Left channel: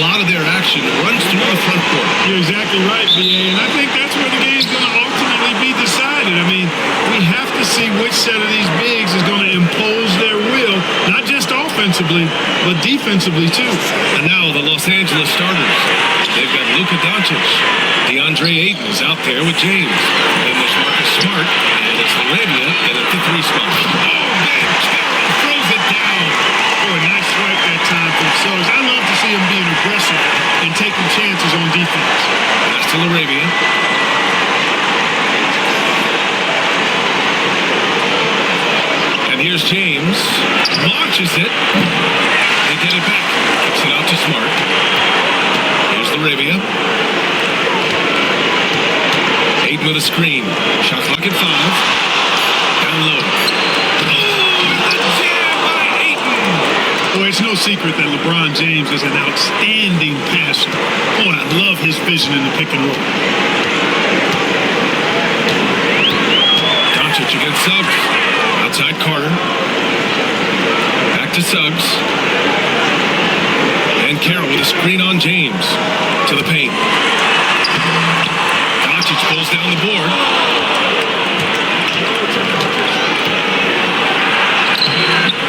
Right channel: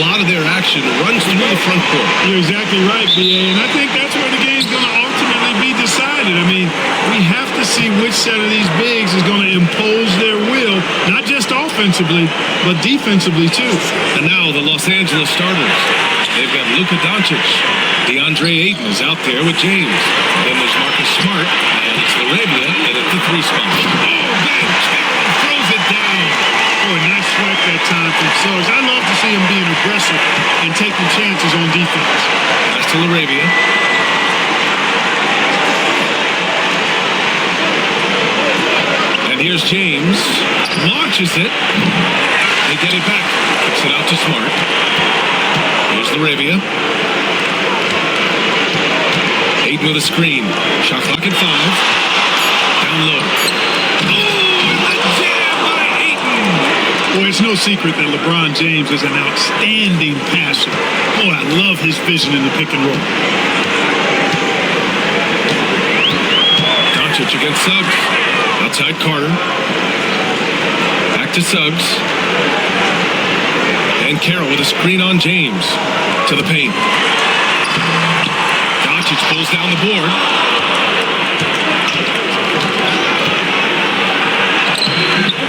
lot of their action runs through the front court. You're exactly right, B.A., and I think that's where the game's going to ultimately be decided. I mean, we have to see which set of these bigs is going to impose their will, not just offensively, but defensively, too. And now the Los Angeles starters. They've got Luka Doncic. DeAndre Ayton is out there with James. Then there's Marcus Smart, and it's Laravia in at the 3 spot. Oh, Ben Carroll throws it down. Boy, nice swipe that time from Suggs. I love to see him being aggressive and taking chances on defense. Pass to Laravia. And here's James. Launches it. They get it back. Kicks it out to Smart. Here's Laravia. Ayton with a screen. Shot clock at 5. Down low. Oh, and the jam by Ayton. Boy, it's no secret that LeBron James is an outstanding passer. Boy, I love his vision in the pick and roll. Doncic against Suggs. Outside Carter. Back to Suggs. And Carroll with a screen on James. To the paint. Doncic pulls down the board.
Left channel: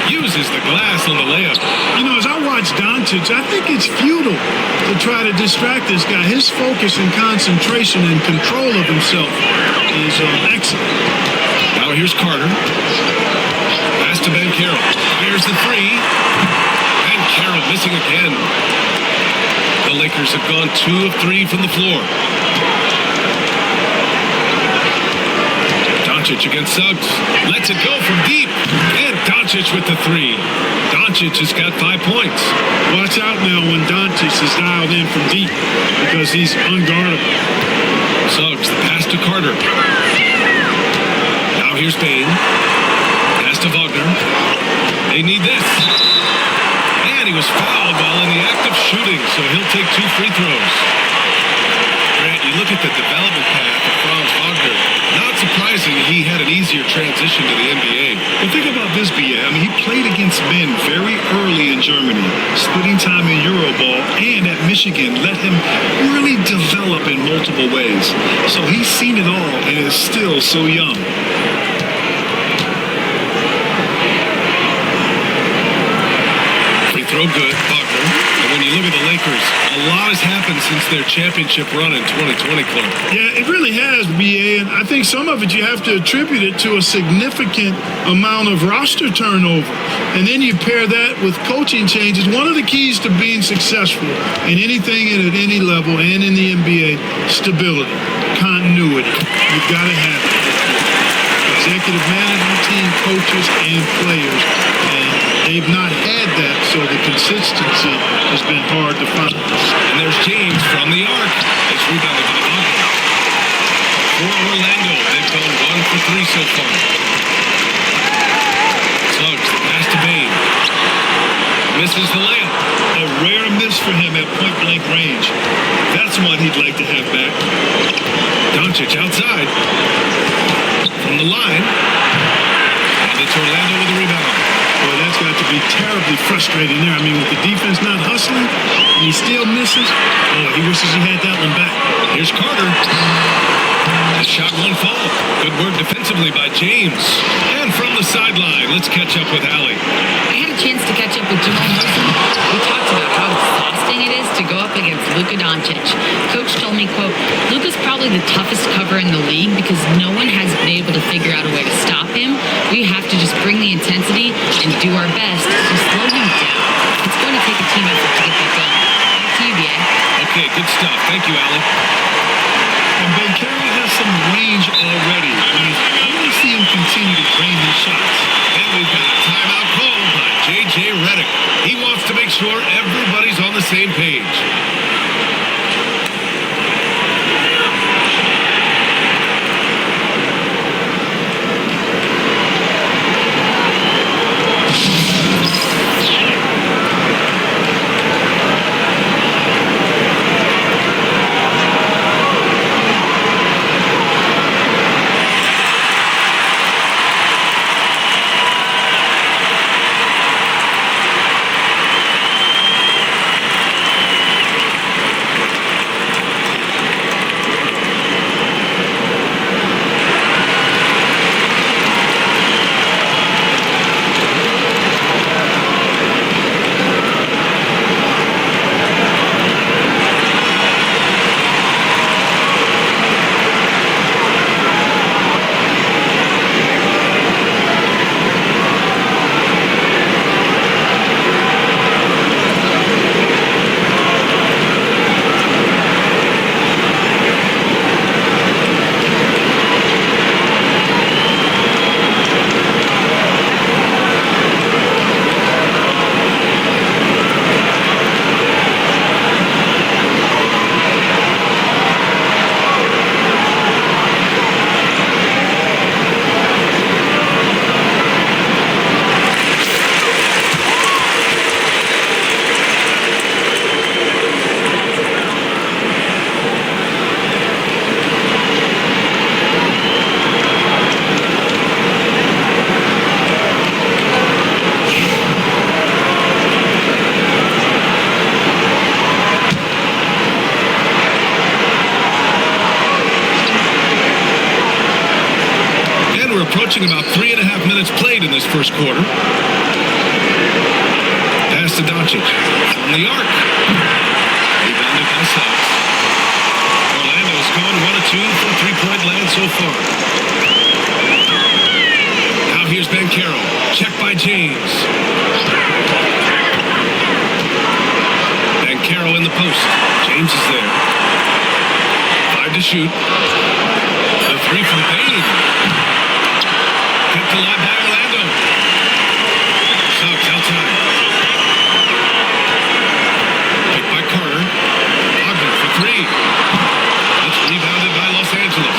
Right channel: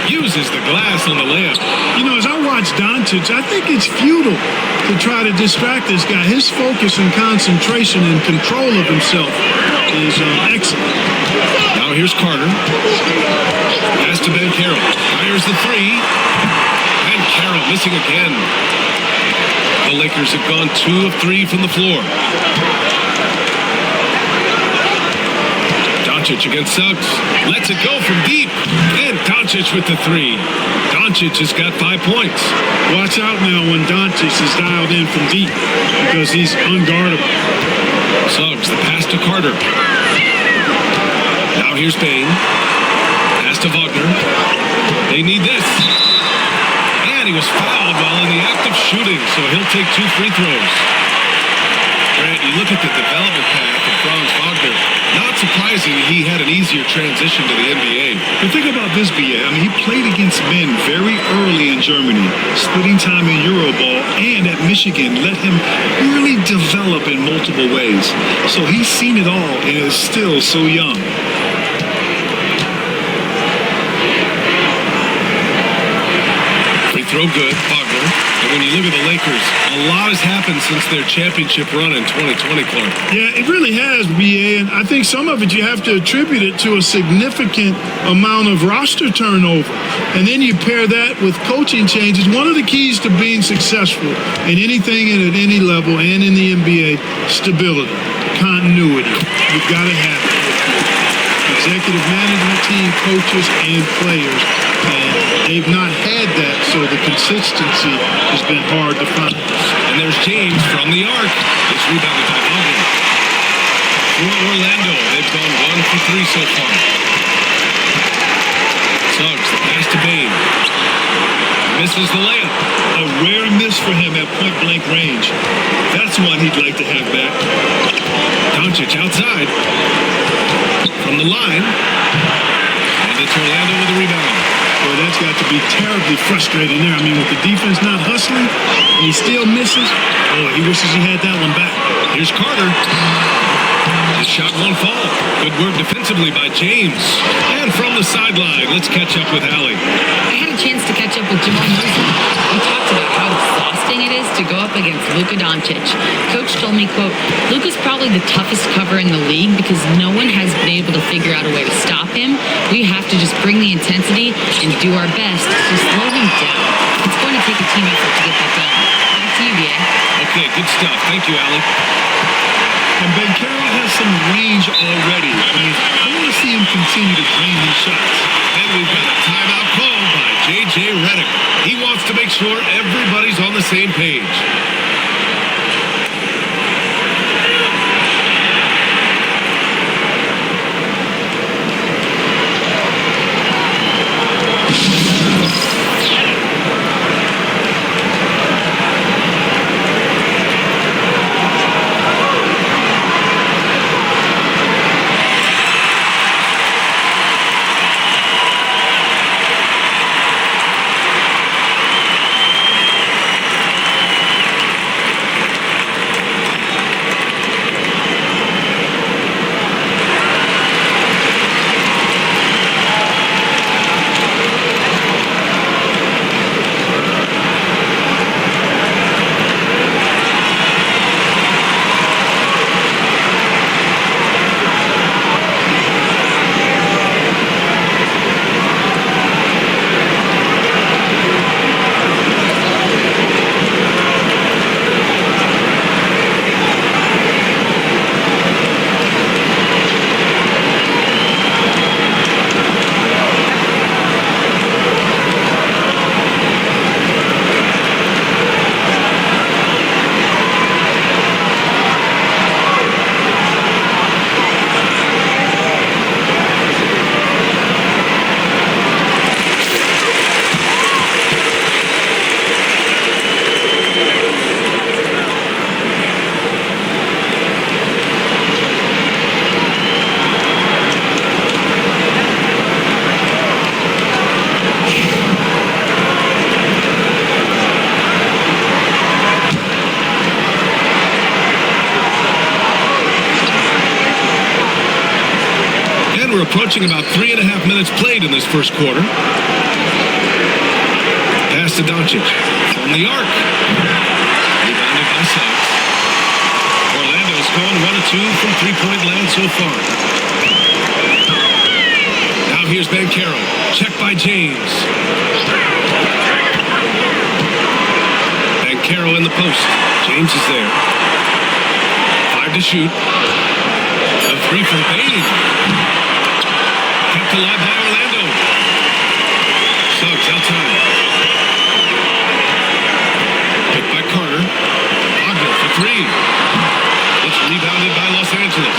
Uses the glass on the layup. You know, as I watch Doncic, I think it's futile to try to distract this guy. His focus and concentration and control of himself is excellent. Now here's Carter. Pass to Ben Carroll. Fires the 3. And Carroll missing again. The Lakers have gone 2 of 3 from the floor. Doncic against Suggs. Lets it go from deep. And Doncic with the 3. Doncic has got 5 points. Watch out now when Doncic is dialed in from deep because he's unguardable. Suggs, the pass to Carter. Now here's Bane. Pass to Wagner. They need this. And he was fouled while in the act of shooting, so he'll take 2 free throws. Grant, you look at the development path of Franz Wagner. Not surprising he had an easier transition to the NBA. But think about this, B.A. I mean, he played against men very early in Germany, splitting time in Euroball, and at Michigan let him really develop in multiple ways. So he's seen it all and is still so young. Free throw good, Wagner. And when you look at the Lakers, a lot has happened since their championship run in 2020, Clark. Yeah, it really has, B.A., and I think some of it you have to attribute it to a significant amount of roster turnover. And then you pair that with coaching changes. One of the keys to being successful in anything and at any level and in the NBA, stability, continuity. You've got to have it with your executive management team, coaches, and players. And they've not had that, so the consistency has been hard to find. And there's James from the arc. It's rebounded by Wagner. For Orlando, they've gone 1 for 3 so far. Suggs, the pass to Bane. Misses the layup. A rare miss for him at point-blank range. That's one he'd like to have back. Doncic outside. From the line. And it's Orlando with a rebound. Boy, that's got to be terribly frustrating there. I mean, with the defense not hustling, and he still misses. Boy, he wishes he had that one back. Here's Carter. The shot won't fall. Good work defensively by James. And from the sideline, let's catch up with Allie. I had a chance to catch up with Jamal Murray. We talked about how exhausting it is to go up against Luka Doncic. Coach told me, quote, Luka's probably the toughest cover in the league because no one has been able to figure out a way to stop him. We have to just bring the intensity and do our best to slow him down. It's going to take a team effort to get that done. Back to you, B.A. Okay, good stuff. Thank you, Allie. And Ben Carroll has some range already. I want to see him continue to drain these shots. And we've got a timeout call by J.J. Redick. He wants to make sure everybody's on the same page. approaching about 3.5 minutes played in this first quarter. Pass to Doncic from the arc. Rebounded by Suggs. Orlando's gone 1 of 2 from three-point land so far. Now here's Banchero. Checked by James. Banchero in the post. James is there. 5 to shoot. The 3 from Bain. Kept alive by Orlando. Suggs outside. Picked by Carter. Wagner for 3. It's rebounded by Los Angeles.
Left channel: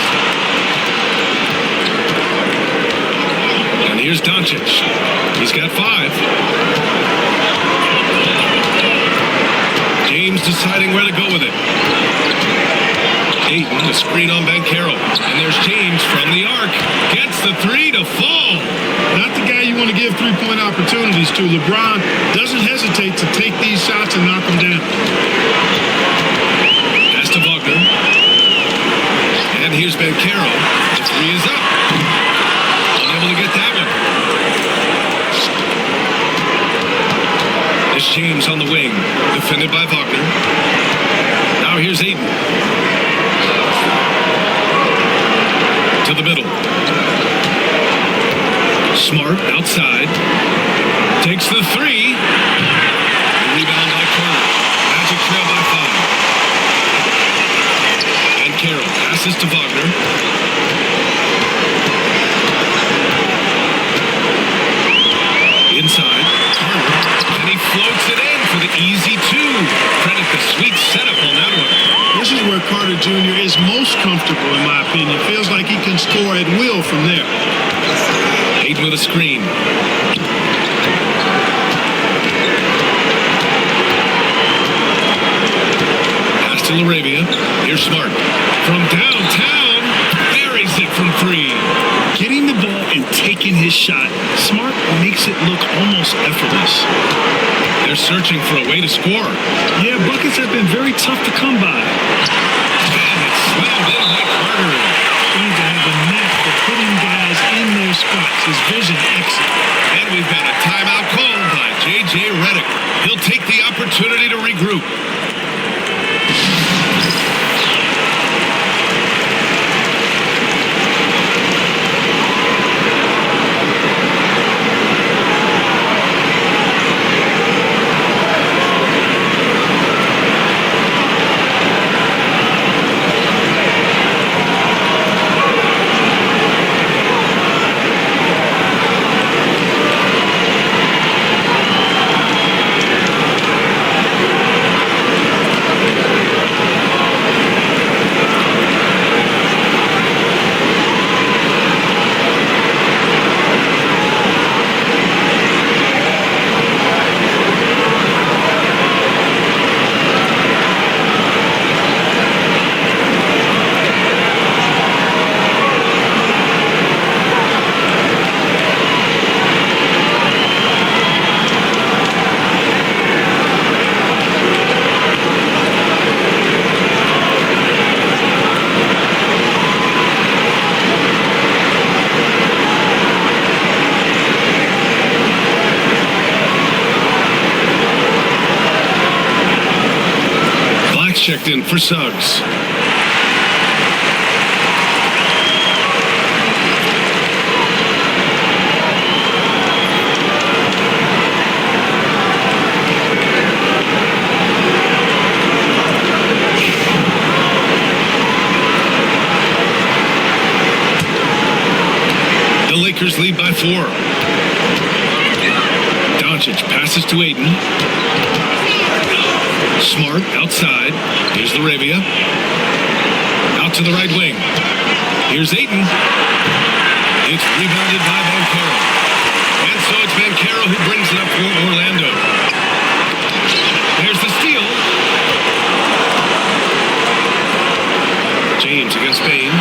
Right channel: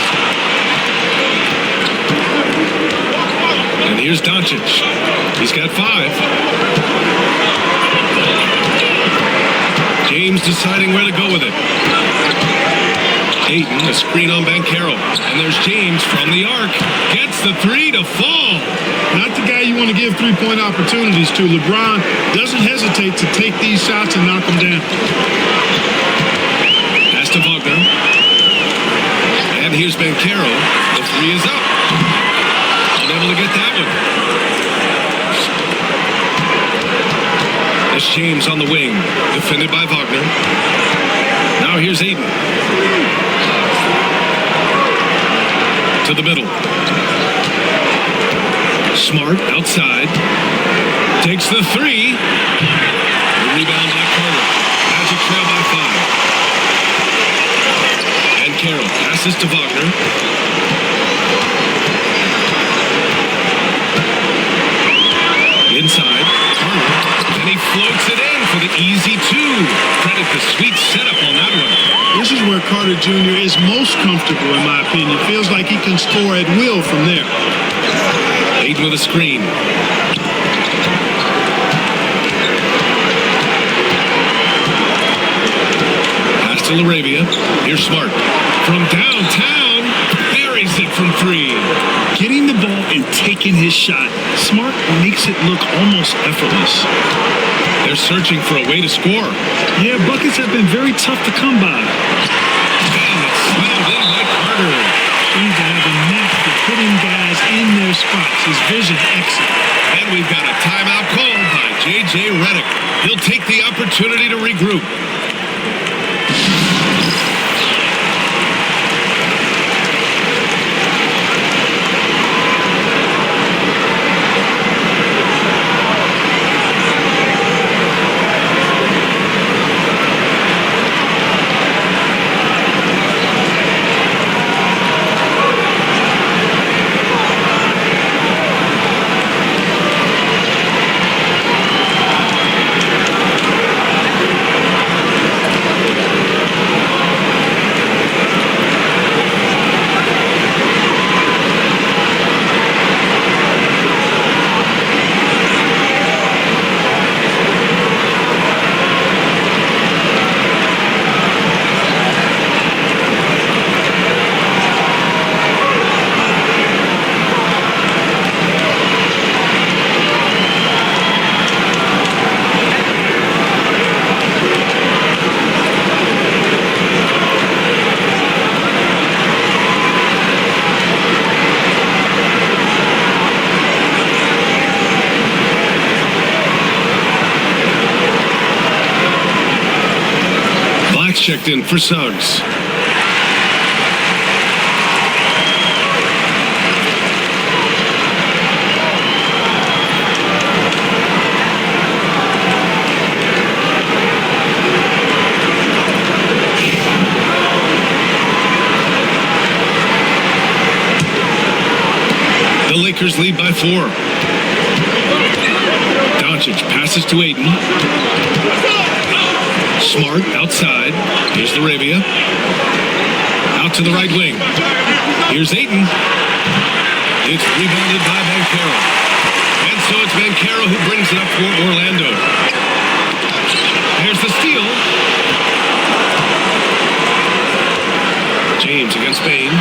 And here's Doncic. He's got 5. James deciding where to go with it. Ayton, the screen on Banchero. And there's James from the arc. Gets the 3 to fall. Not the guy you want to give three-point opportunities to. LeBron doesn't hesitate to take these shots and knock them down. Pass to Wagner. And here's Banchero. The 3 is up. Unable to get that one. It's James on the wing. Defended by Wagner. Now here's Ayton. To the middle. Smart outside. Takes the 3. The rebound by Carter. Magic trail by 5. And Carroll passes to Wagner. Inside, Carter, and he floats it in for the easy 2. Credit the sweet setup on that one. This is where Carter Jr. is most comfortable, in my opinion. Feels like he can score at will from there. Ayton with a screen. Pass to LaRavia. Here's Smart. From downtown, buries it from 3. Getting the ball and taking his shot, Smart makes it look almost effortless. They're searching for a way to score. Yeah, buckets have been very tough to come by. And it's slammed in by Carter. Seems to have a knack for hitting guys in their spots. His vision excellent. And we've got a timeout called by J.J. Redick. He'll take the opportunity to regroup. Checked in for Suggs. The Lakers lead by 4. Doncic passes to Ayton. Smart outside. Here's LaRavia. Out to the right wing. Here's Ayton. It's rebounded by Banchero. And so it's Banchero who brings it up for Orlando. There's the steal. James against Bain.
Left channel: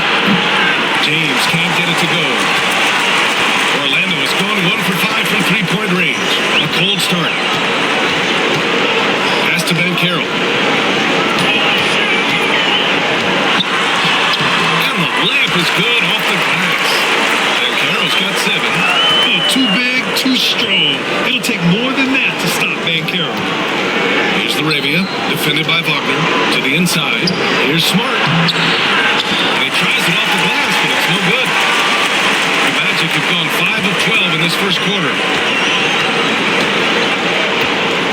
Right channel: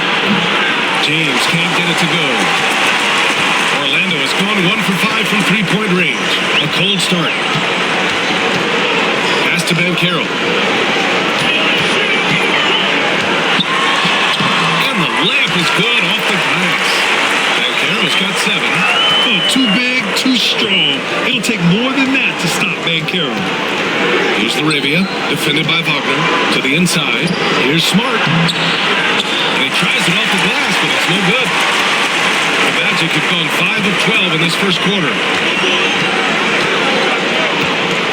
James can't get it to go. Orlando has gone 1 for 5 from three-point range. A cold start. Pass to Banchero. And the layup is good off the glass. Banchero's got 7. Oh, too big, too strong. It'll take more than that to stop Banchero. Here's Laravia, defended by Wagner. To the inside. Here's Smart. And he tries it off the glass, but it's no good. The Magic have gone 5 of 12 in this first quarter.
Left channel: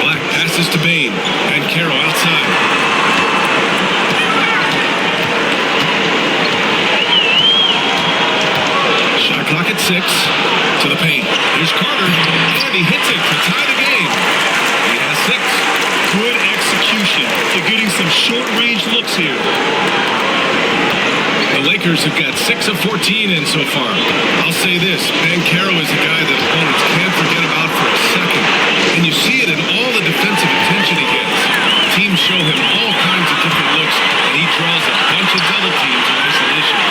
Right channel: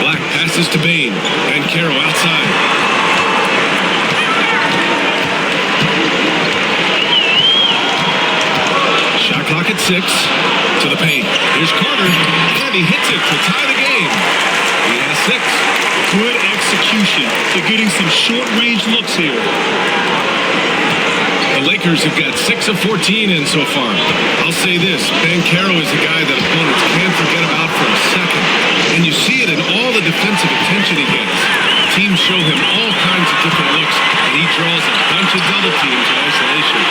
Black passes to Bain. Banchero outside. Shot clock at 6. To the paint. Here's Carter. And he hits it to tie the game. He has 6. Good execution. They're getting some short-range looks here. The Lakers have got 6 of 14 in so far. I'll say this, Banchero is a guy that opponents can't forget about for a second. And you see it in all the defensive attention he gets. Teams show him all kinds of different looks, and he draws a bunch of double teams in isolation.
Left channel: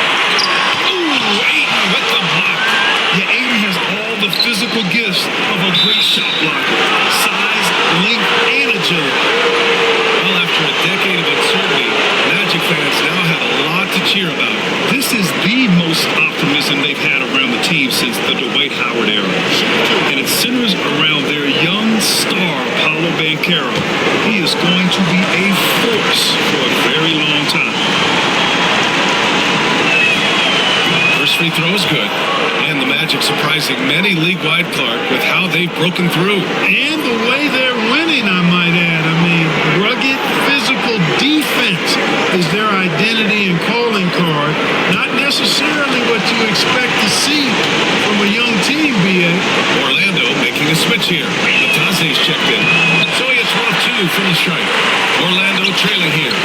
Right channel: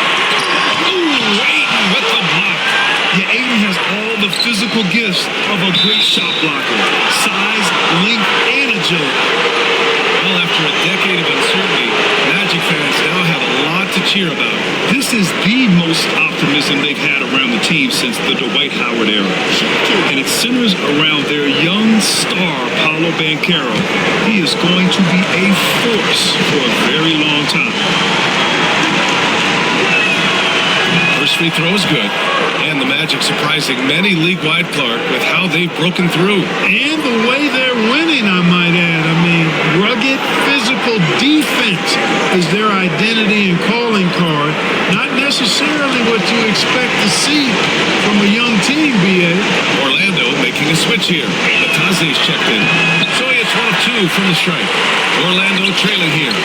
Ooh, Ayton with the block. Yeah, Ayton has all the physical gifts of a great shot blocker. Size, length, and agility. Well, after a decade of uncertainty, Magic fans now have a lot to cheer about. This is the most optimism they've had around the team since the Dwight Howard era. And it centers around their young star, Paolo Banchero. He is going to be a force for a very long time. First free throw is good. And the Magic surprising many league-wide, Clark, with how they've broken through. And the way they're winning, I might add. I mean, rugged physical defense is their identity and calling card. Not necessarily what you expect to see from a young team, B.A. Orlando making a switch here. Batase's checked in. So he hits 1 of 2 from the strike. Orlando trailing here.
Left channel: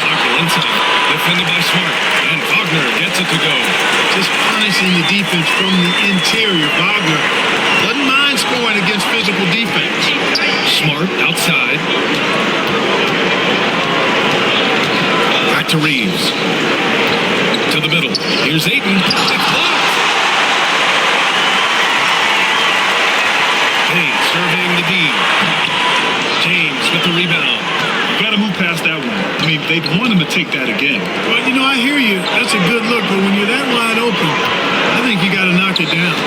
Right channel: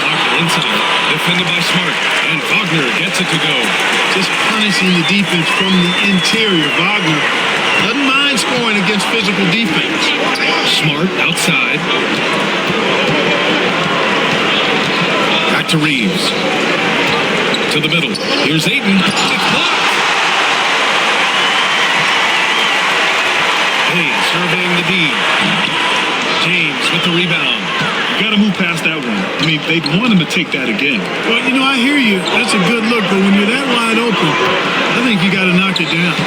Wagner inside. Defended by Smart. And Wagner gets it to go. Just punishing the defense from the interior. Wagner doesn't mind scoring against physical defense. Smart outside. Back to Reeves. To the middle. Here's Ayton. It's blocked. Bain surveying the D. James with the rebound. You got to move past that one. I mean, they'd want him to take that again. Well, you know, I hear you. That's a good look, but when you're that wide open, I think you got to knock it down.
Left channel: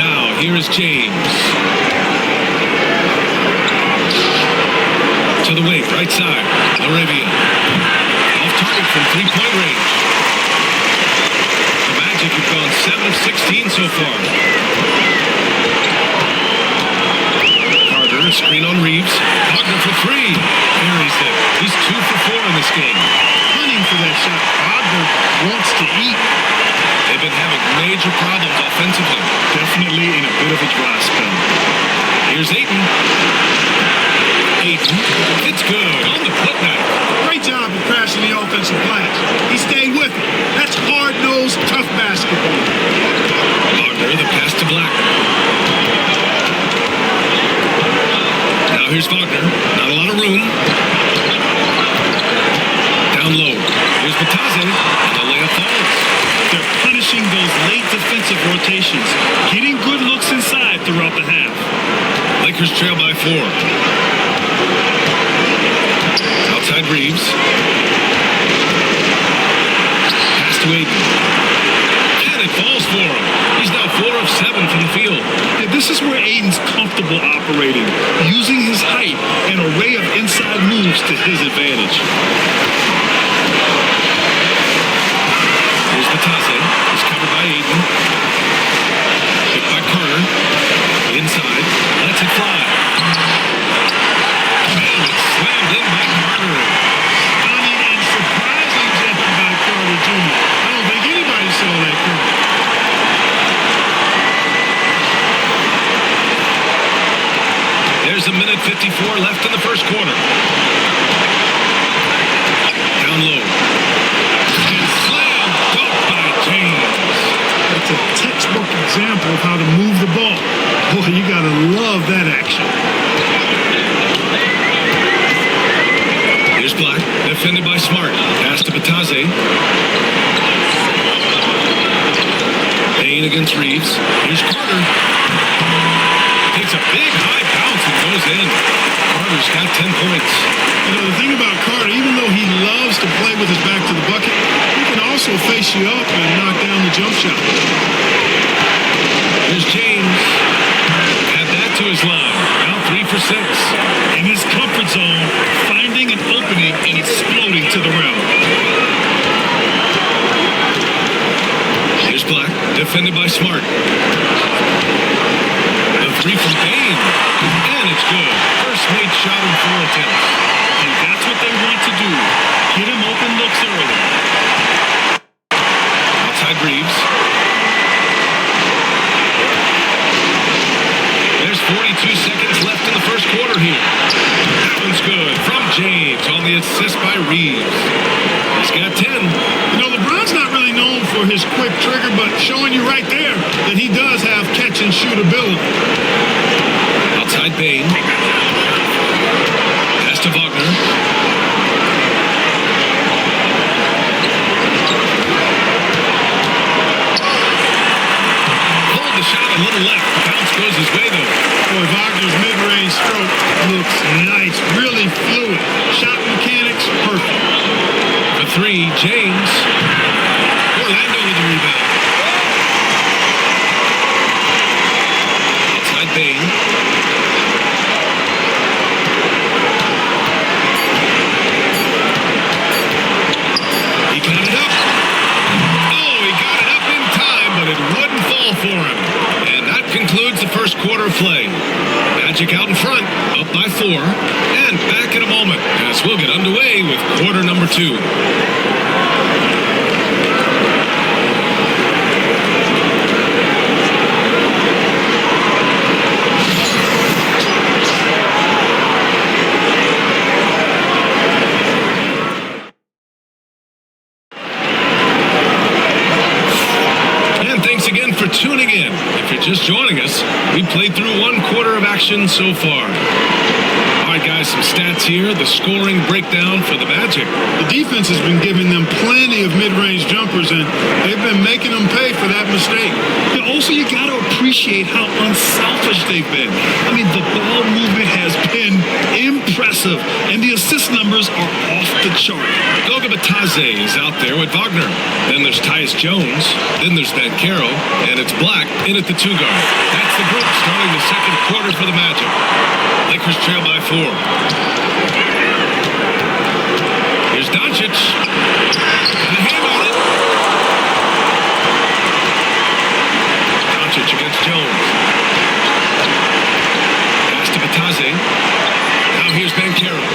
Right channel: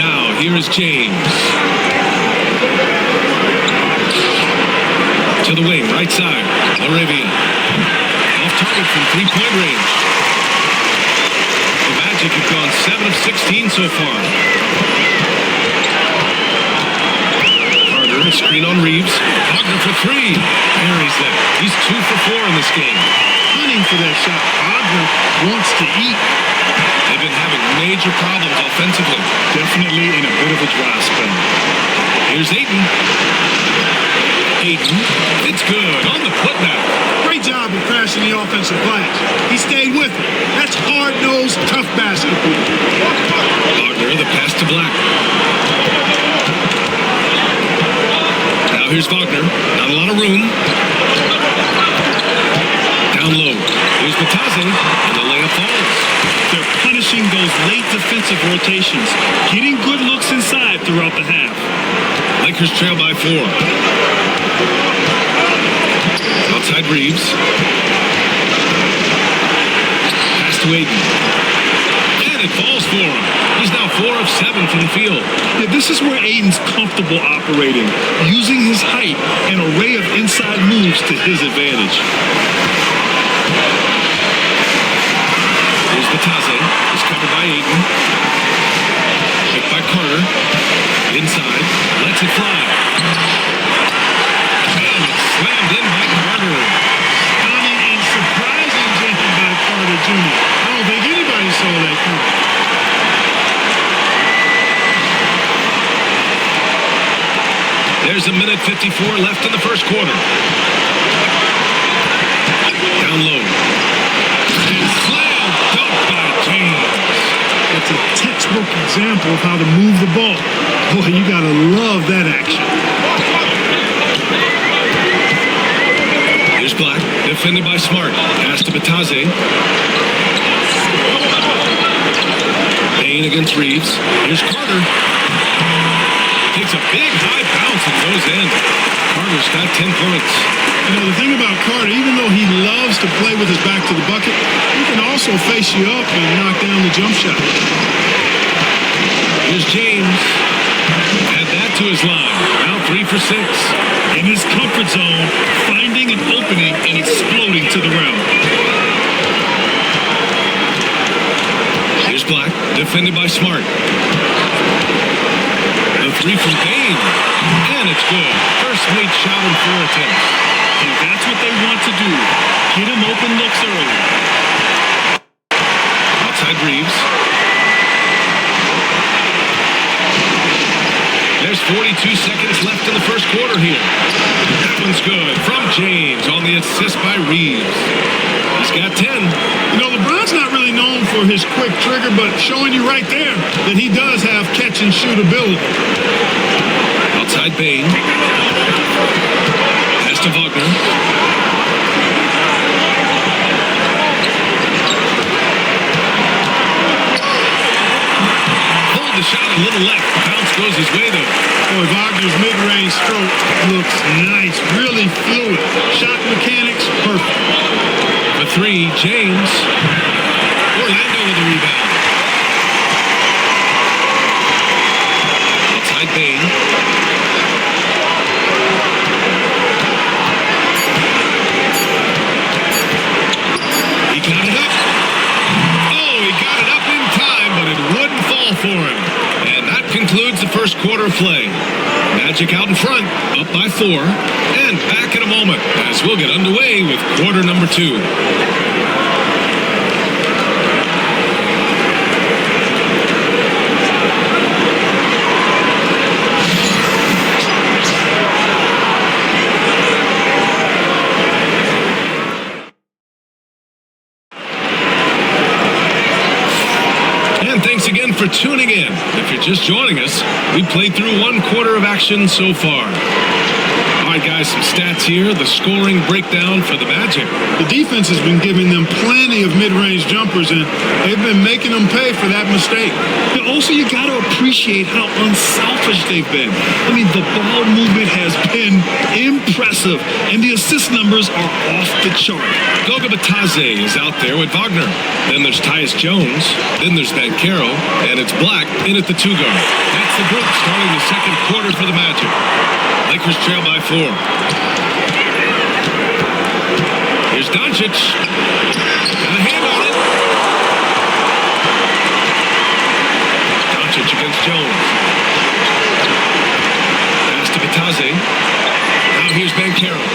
Now, here is James. To the wing, right side. Laravia. Off target from three-point range. The Magic have gone 7 of 16 so far. Carter, a screen on Reeves. Wagner for 3. Buries it. He's 2 for 4 in this game. Hunting for that shot. Wagner wants to eat. They've been having major problems offensively. Definitely in a bit of a dry spell. Here's Ayton. Ayton. It's good on the putback. Great job of crashing the offensive glass. He stayed with it. That's hard-nosed, tough basketball. Wagner, the pass to Black. Now here's Wagner. Not a lot of room. Down low. Here's Batase. And the layup falls. They're punishing those late defensive rotations. Getting good looks inside throughout the half. Lakers trail by 4. Outside Reeves. Pass to Ayton. And it falls for him. He's now 4 of 7 from the field. Yeah, this is where Ayton's comfortable operating, using his height and array of inside moves to his advantage. Here's Batase. It's covered by Ayton. Picked by Carter. Inside. Lets it fly. And it's slammed in by Carter. Stunning and surprising jam by Carter Jr. I don't think anybody saw that coming. There's a minute 54 left in the first quarter. Down low. And slam dunk by James. That's a textbook example of how to move the ball. Boy, you got to love that action. Here's Black, defended by Smart. Pass to Batase. Bain against Reeves. Here's Carter. Takes a big high bounce and goes in. Carter's got 10 points. You know, the thing about Carter, even though he loves to play with his back to the bucket, he can also face you up and knock down the jump shot. Here's James. Add that to his line. Now 3 for 6. In his comfort zone, finding an opening and exploding to the rim. Here's Black, defended by Smart. The 3 from Bain. And it's good. First made shot in 4 attempts. And that's what they want to do. Get him open looks early. Outside Reeves. There's 42 seconds left in the first quarter here. That one's good. From James on the assist by Reeves. He's got 10. You know, LeBron's not really known for his quick trigger, but showing you right there that he does have catch and shoot ability. Outside Bain. Pass to Wagner. Pulled the shot a little left. The bounce goes his way, though. Boy, Wagner's mid-range stroke looks nice, really fluid. Shot mechanics, perfect. For 3, James. Orlando with the rebound. Outside Bain. He got it up. Oh, he got it up in time, but it wouldn't fall for him. And that concludes the first quarter of play. Magic out in front, up by 4, and back in a moment as we'll get underway with quarter number 2. And thanks again for tuning in. If you're just joining us, we played through 1 quarter of action so far. All right, guys, some stats here. The scoring breakdown for the Magic. The defense has been giving them plenty of mid-range jumpers, and they've been making them pay for that mistake. Yeah, also, you got to appreciate how unselfish they've been. I mean, the ball movement has been impressive, and the assist numbers are off the chart. Goga Batadze is out there with Wagner. Then there's Tyus Jones. Then there's Banchero. And it's Black in at the 2 guard. That's the group starting the second quarter for the Magic. Lakers trail by 4. Here's Doncic. Got a hand on it. Doncic against Jones. Pass to Batadze. Now here's Banchero.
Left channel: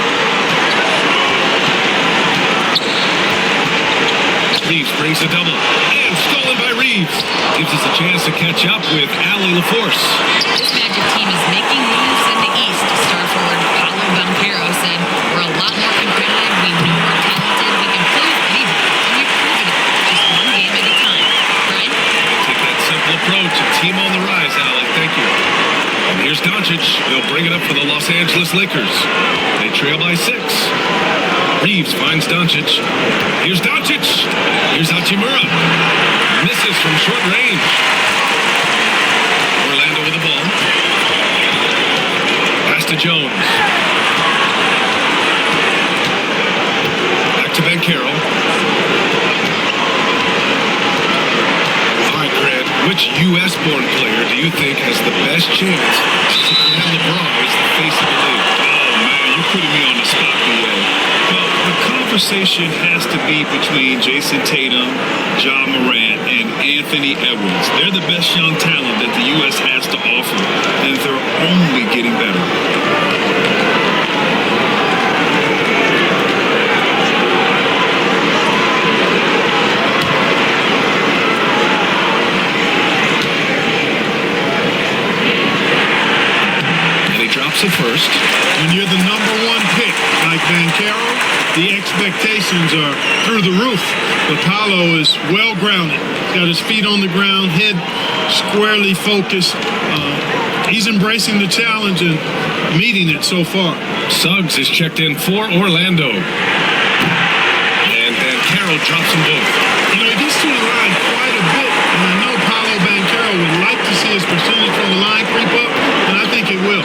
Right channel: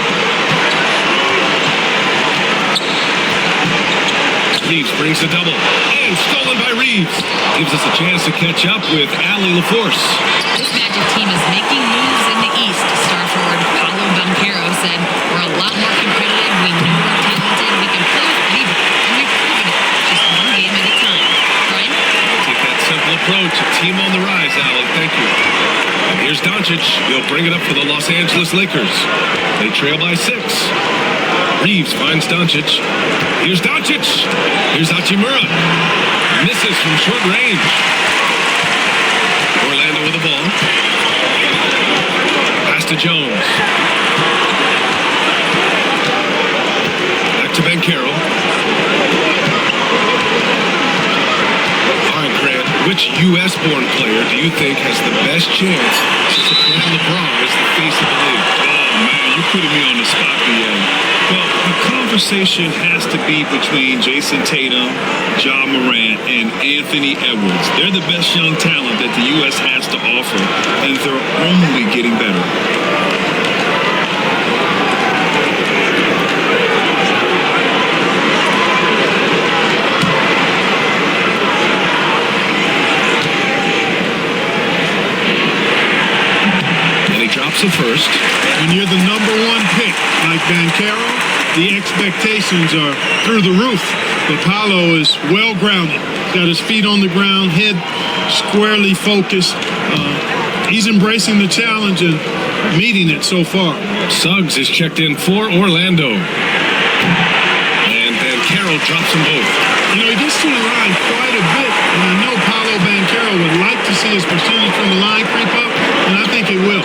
Reeves brings a double. And stolen by Reeves. Gives us a chance to catch up with Allie LaForce. This Magic team is making moves in the East. Star forward Paolo Banchero said, "We're a lot more competitive. We know we're talented. We can play with anybody. And we've proven it. Just one game at a time." Brian? I'll take that simple approach. A team on the rise, Allie. Thank you. And here's Doncic. He'll bring it up for the Los Angeles Lakers. They trail by 6. Reeves finds Doncic. Here's Doncic. Here's Hachimura. Misses from short range. Orlando with the ball. Pass to Jones. Back to Banchero. All right, Grant, which U.S.-born player do you think has the best chance to supplant LeBron as the face of the league? Oh, man, you putting me on the spot, B.A. Well, the conversation has to be between Jason Tatum, Ja Morant, and Anthony Edwards. They're the best young talent that the U.S. has to offer, and they're only getting better. And he drops the first. When you're the number 1 pick, like Banchero, the expectations are through the roof. But Paolo is well-grounded. He's got his feet on the ground, head squarely focused. He's embracing the challenge and meeting it so far. Suggs is checked in for Orlando. And Banchero drops them both. You know, he gets to the line quite a bit, and I know Paolo Banchero would like to see his percentage from the line creep up, and I think it will.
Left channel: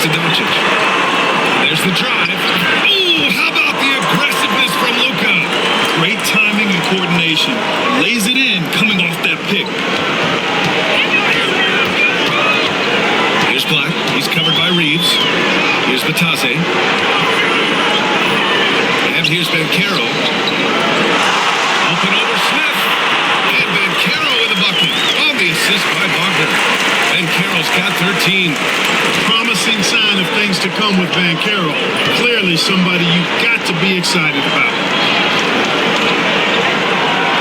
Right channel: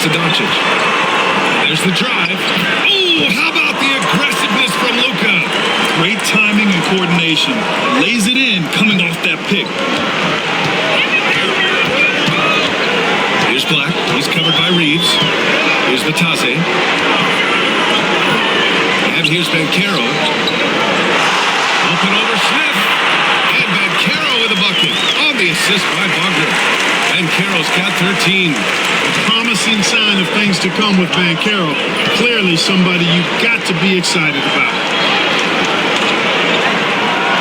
Pass to Doncic. And there's the drive. Oh, how about the aggressiveness from Luka? Great timing and coordination. Lays it in coming off that pick. Here's Black. He's covered by Reeves. Here's Vitesse. And here's Banchero. Up and over Smith. And Banchero with a bucket on the assist by Wagner. Banchero's got 13. A promising sign of things to come with Banchero. Clearly somebody you've got to be excited about.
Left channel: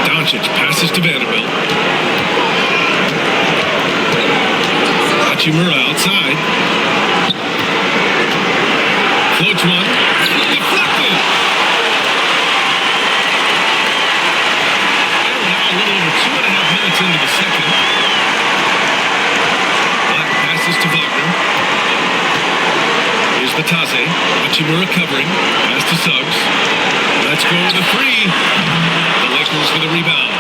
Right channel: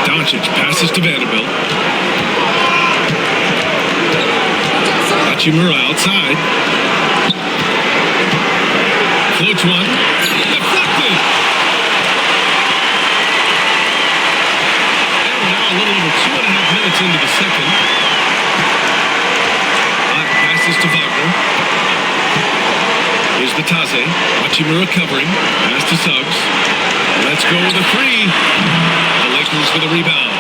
Doncic passes to Vanderbilt. Hachimura outside. Floats one. Deflected. And we're now a little over 2.5 minutes into the second. Black passes to Wagner. Here's Vitesse. Hachimura covering. Pass to Suggs. Let's go with a three. The Lakers with a rebound.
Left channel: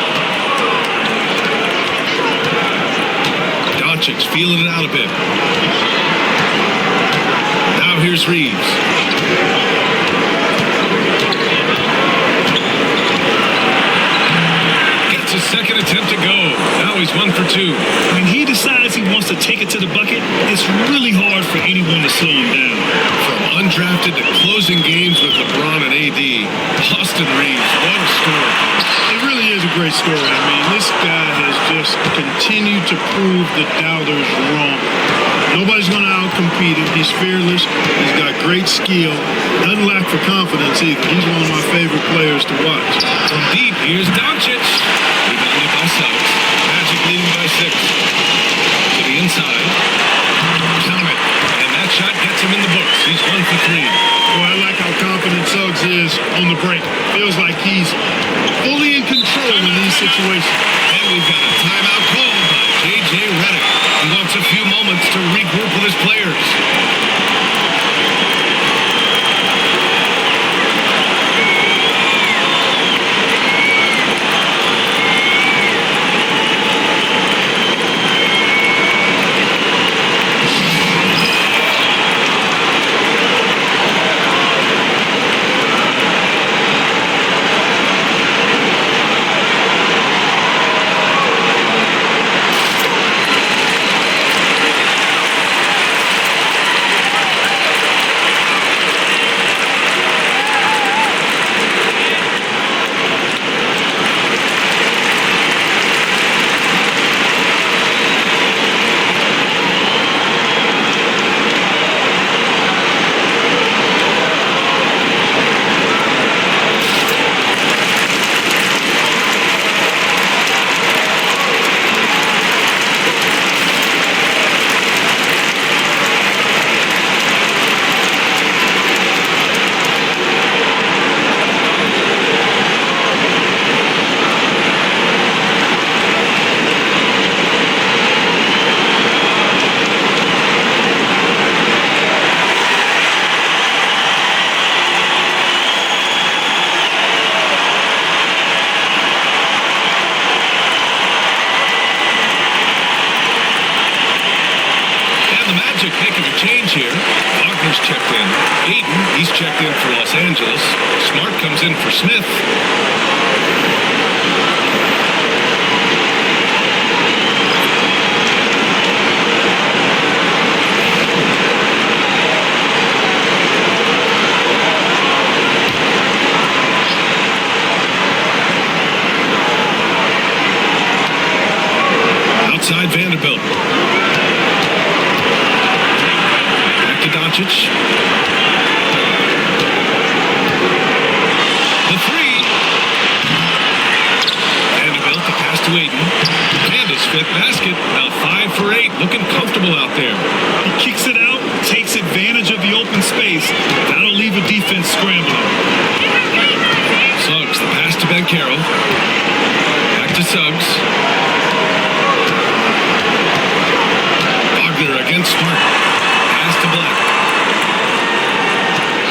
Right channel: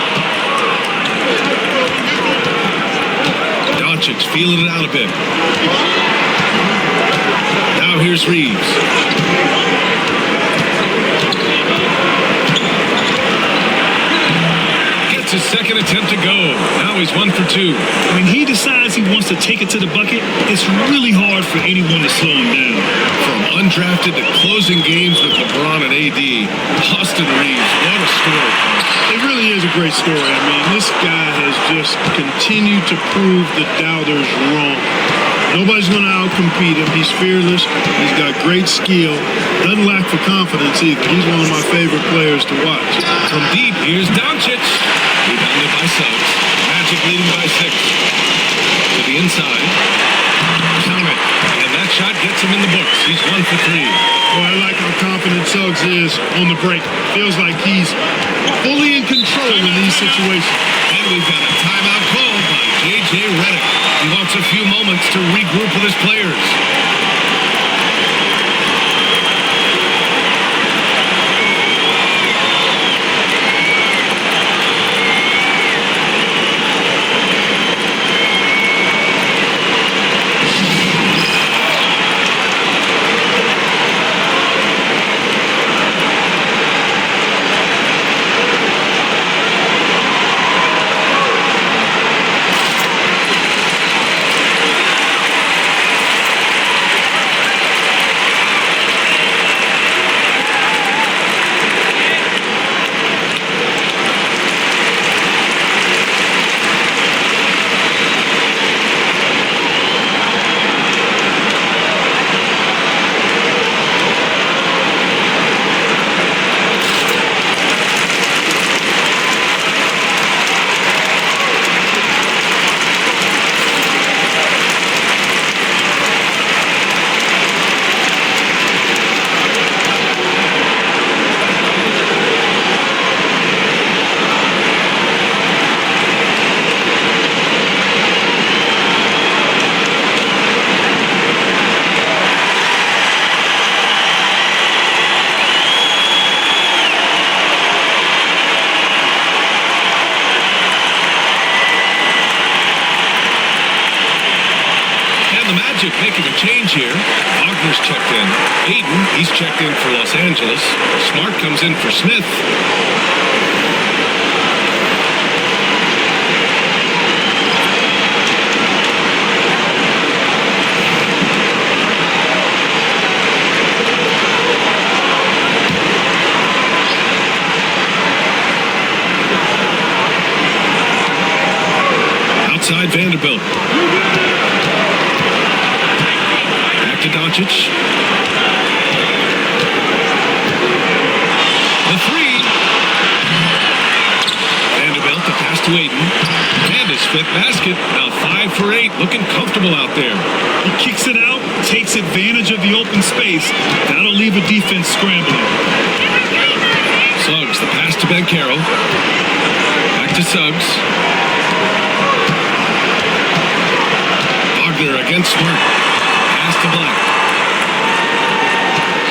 Doncic feeling it out a bit. Now here's Reeves. Gets his second attempt to go. Now he's 1 for 2. When he decides he wants to take it to the bucket, it's really hard for anyone to slow him down. From undrafted to closing games with LeBron and AD, Austin Reeves, what a story, Coach. It really is a great story. I mean, this guy has just continued to prove the doubters wrong. Nobody's going to outcompete him. He's fearless. He's got great skill. Doesn't lack for confidence either. He's one of my favorite players to watch. From deep, here's Doncic. Rebounded by Suggs. Magic leading by 6. To the inside. Count it. And that shot gets him in the books. He's 1 for 3. Boy, I like how confident Suggs is on the break. Feels like he's fully in control in these situations. And we've got a timeout called by J.J. Redick. He wants a few moments to regroup with his players. Magic making a change here. Wagner's checked in. Aiden, he's checked in for Los Angeles. Smart comes in for Smith. Outside Vanderbilt. Back to Doncic. The three. Vanderbilt, the pass to Aiden. And his fifth basket. Now 5 for 8. Looking comfortable out there. He kicks it out, takes advantage of the open space. That'll leave a defense scrambling. Suggs, the pass to Banchero. Back to Suggs. Wagner against Smart. Pass to Black.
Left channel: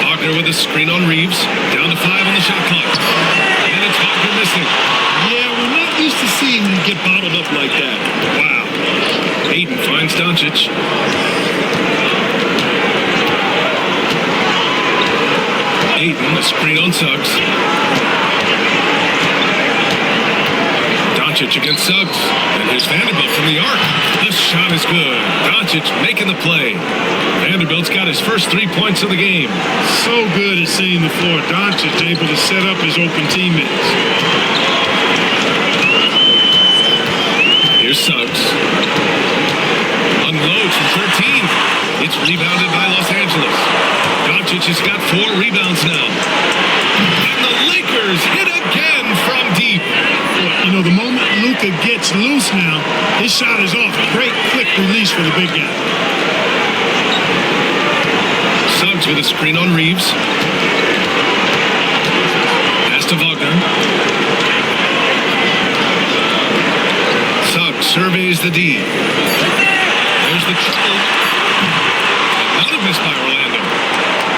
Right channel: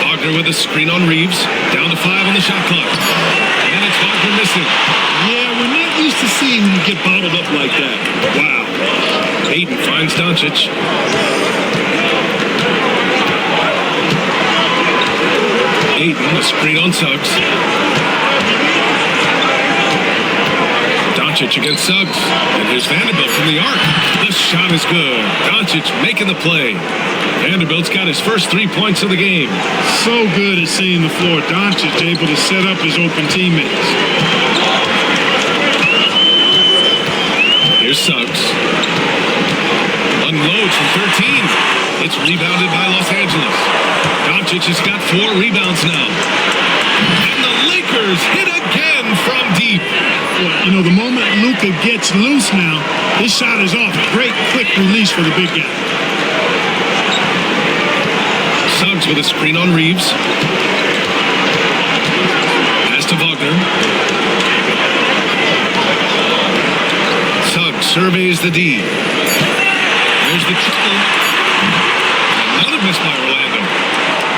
Wagner with a screen on Reeves. Down to 5 on the shot clock. And it's Wagner missing. Yeah, we're not used to seeing him get bottled up like that. Wow. Aiden finds Doncic. Ayton, a screen on Suggs. Doncic against Suggs. And here's Vanderbilt from the arc. The shot is good. Doncic making the play. Vanderbilt's got his first 3 points of the game. So good at seeing the floor. Doncic able to set up his open teammates. Here's Suggs. Unloads from 13. It's rebounded by Los Angeles. Doncic has got 4 rebounds now. And the Lakers hit again from deep. Boy, you know, the moment Luka gets loose now, his shot is off. Great quick release for the big guy. Suggs with a screen on Reeves. Pass to Wagner. Suggs surveys the D. There's the triple. And another miss by Orlando.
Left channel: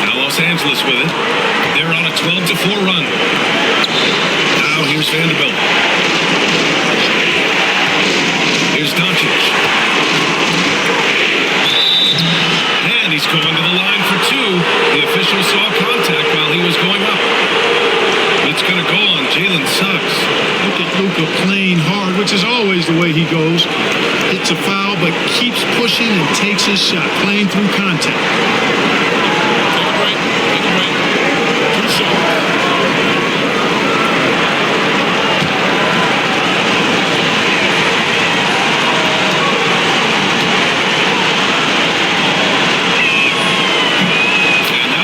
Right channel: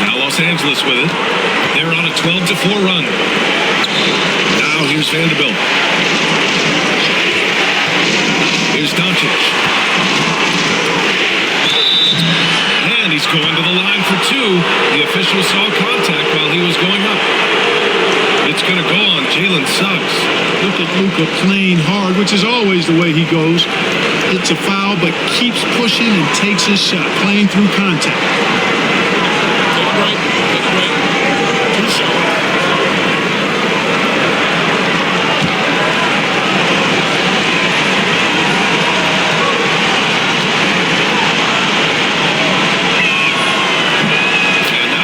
Now Los Angeles with it. They're on a 12-4 run. Now here's Vanderbilt. Here's Doncic. And he's going to the line for 2. The official saw contact while he was going up. It's going to go on Jalen Suggs. Look at Luka playing hard, which is always the way he goes. Hits a foul, but keeps pushing and takes his shot, playing through contact. Take a break. Take a break. 2 shots.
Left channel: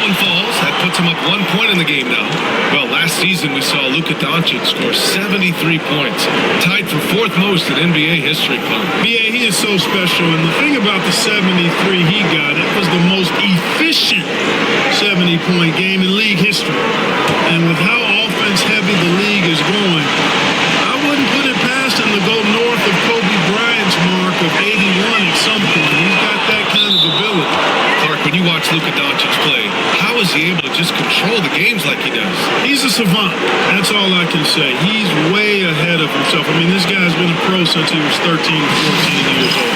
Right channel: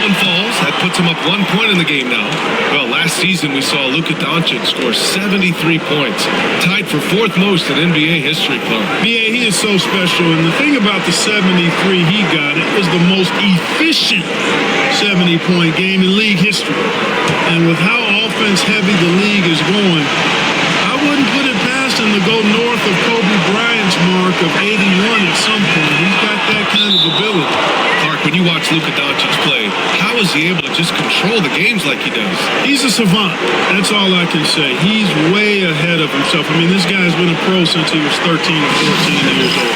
Falls. That puts him up 1 point in the game now. Well, last season we saw Luka Doncic score 73 points, tied for 4th most in NBA history, Clark. BA, he is so special, and the thing about the 73 he got, it was the most efficient 70-point game in league history. And with how offense-heavy the league is going, I wouldn't put it past him to go north of Kobe Bryant's mark of 81 at some point. He's got that kind of ability. Clark, when you watch Luka Doncic play, how is he able to just control the games like he does? He's a savant. That's all I can say. He's way ahead of himself. I mean, this guy's been a pro since he was 13 or 14 years old.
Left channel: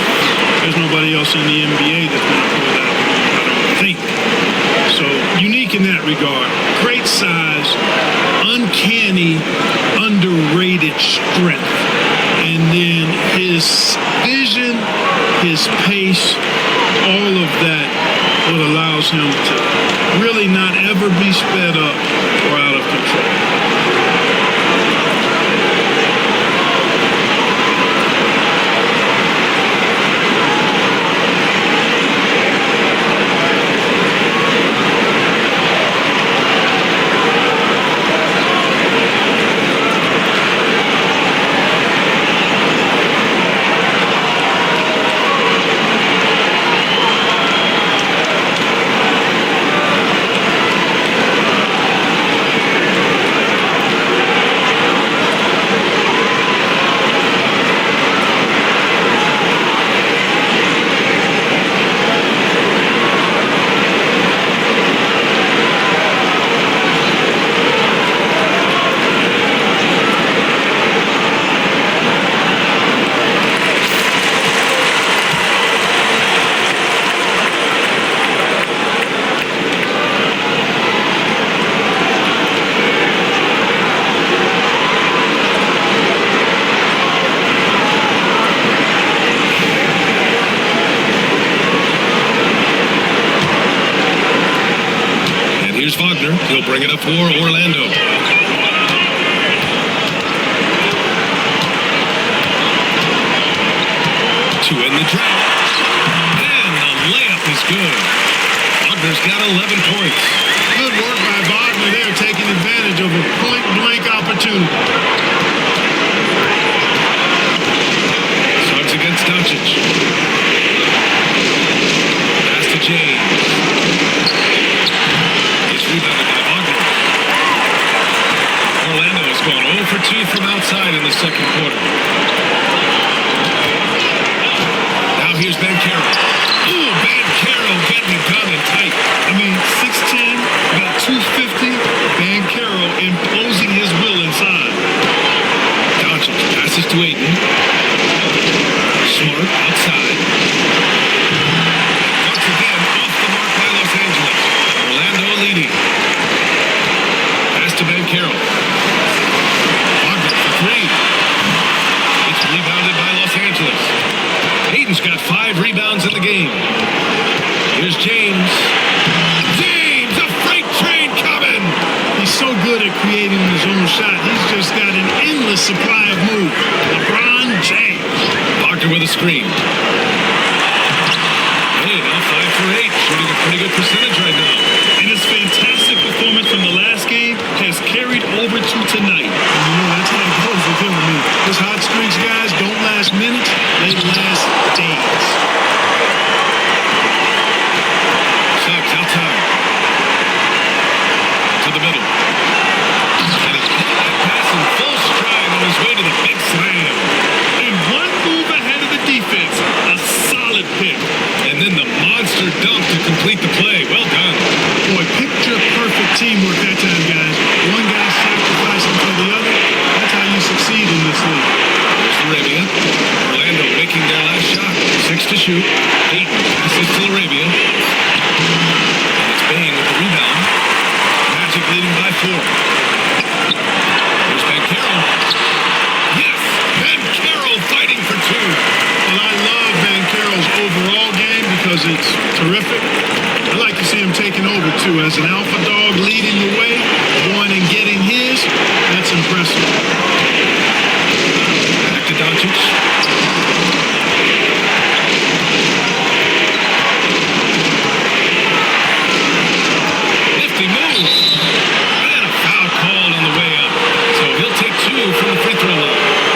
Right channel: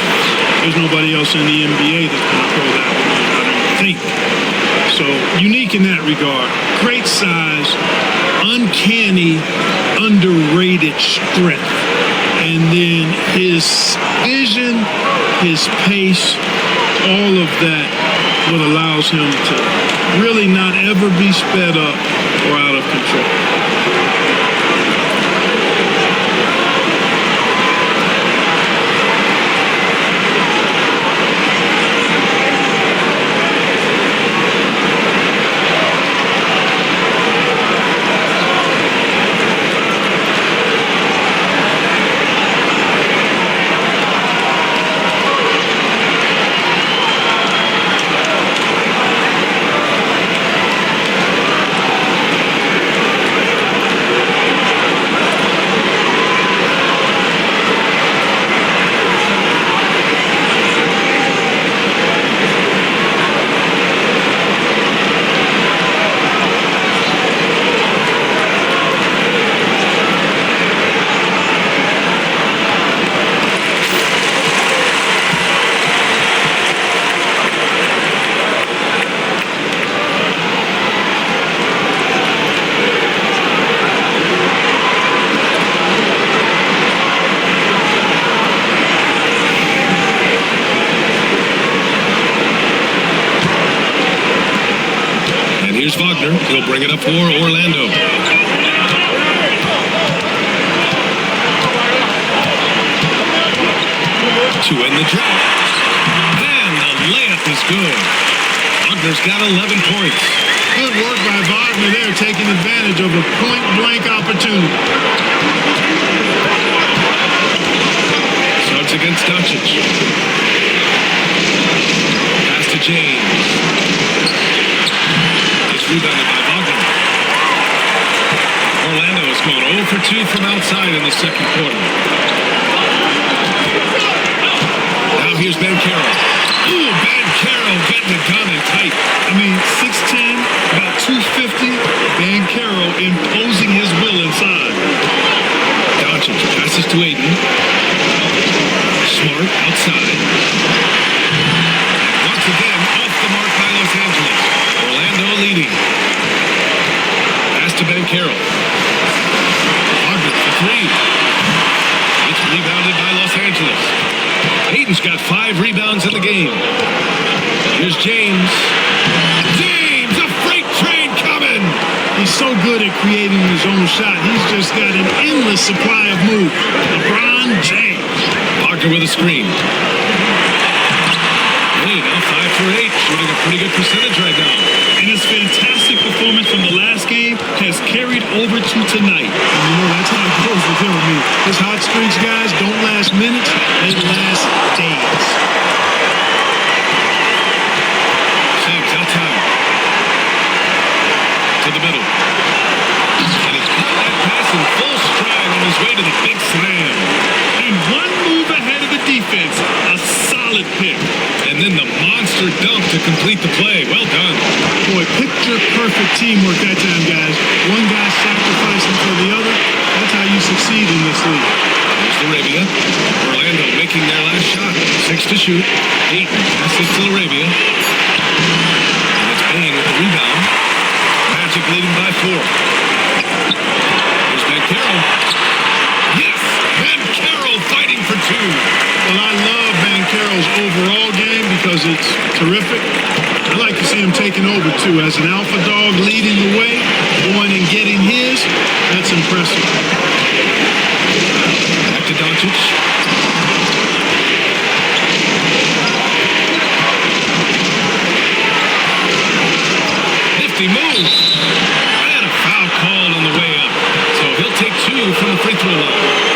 There's nobody else in the NBA that's been a pro that long, I don't think. So, unique in that regard. Great size, uncanny, underrated strength. And then his vision, his pace, all of that, what allows him to really not ever be sped up or out of control. Here's Wagner. He'll bring it up for Orlando. To end the drought. And the layup is good. Wagner's got 11 points. Good work by Wagner there, taking advantage of a point-blank opportunity. Suggs against Doncic. Pass to James. It's rebounded by Wagner. Orlando has gone 0 for 2 from outside in the second quarter. Now here's Banchero. Ooh, Banchero getting it done and tight. I mean, 6'10", about 250. Banchero imposing his will inside. Doncic passes to Ayton. Smart outside. And once again, off the mark by Los Angeles. Orlando leading. to Banchero. Wagner for three. It's rebounded by Los Angeles. Ayton's got 5 rebounds in the game. Here's James. James, a freight train coming. He's so good at creating his own shot. He's just got an endless supply of moves. LeBron James. Wagner with a screen. Hey, now 5 for 8, shooting a pretty good percentage right now. And his fantastic performance from the last game has carried over to tonight. And you know, that's how it goes with him. I mean, his hot streaks, guys, don't last minutes. They last days. Suggs outside. To the middle. And he caught that pass in full stride on his way to the big slam. And one move ahead of the defense. A solid pick. And then the monster dunk to complete the play. Well done. Boy, picture-perfect teamwork that time, guys. One guy sacrificing for the other. That's how you succeed in this league. Here's Laravia. Orlando making their last shot. 6 to shoot. Ayton passes to Laravia. And it's Bane with the rebound. Magic leading by 4. Here's Banchero. Yes! Banchero fighting for 2. Well, I love Banchero's overall game because it's terrific. I like to see him taking over, too. As an alpha dog leading the way, going and getting his, that's impressive. Back to Doncic. Nifty move. And a foul called on the way up. So he'll take 2 from the free throw line.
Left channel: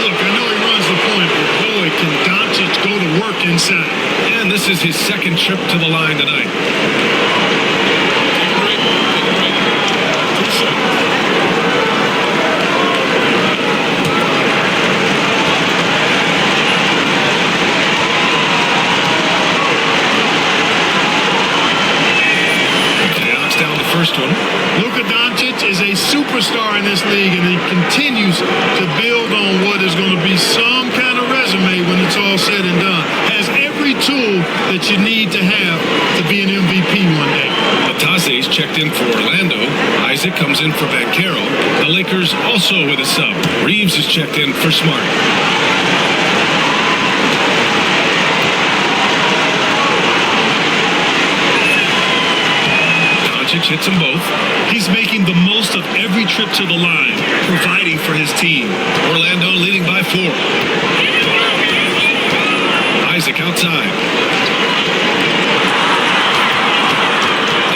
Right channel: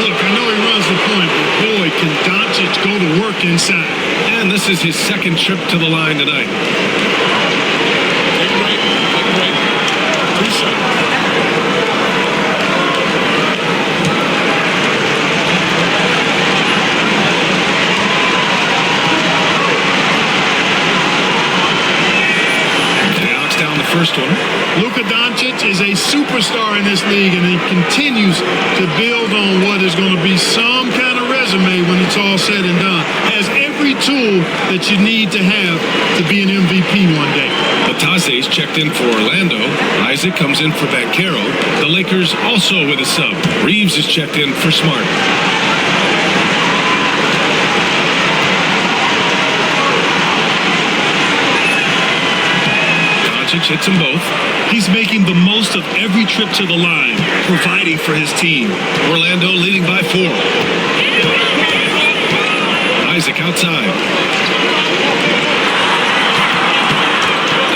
Look, I know he runs the point, but boy, can Doncic go to work inside. And this is his second trip to the line tonight. Take a break. Take a break. 2 shots. And he knocks down the first one. Luka Doncic is a superstar in this league, and he continues to build on what is going to be some kind of resume when it's all said and done. Has every tool that you need to have to be an MVP one day. Bataze's checked in for Orlando. Isaac comes in for Banchero. The Lakers also with a sub. Reeves is checked in for Smart. Doncic hits them both. He's making the most of every trip to the line, providing for his team. Orlando leading by 4. Isaac outside.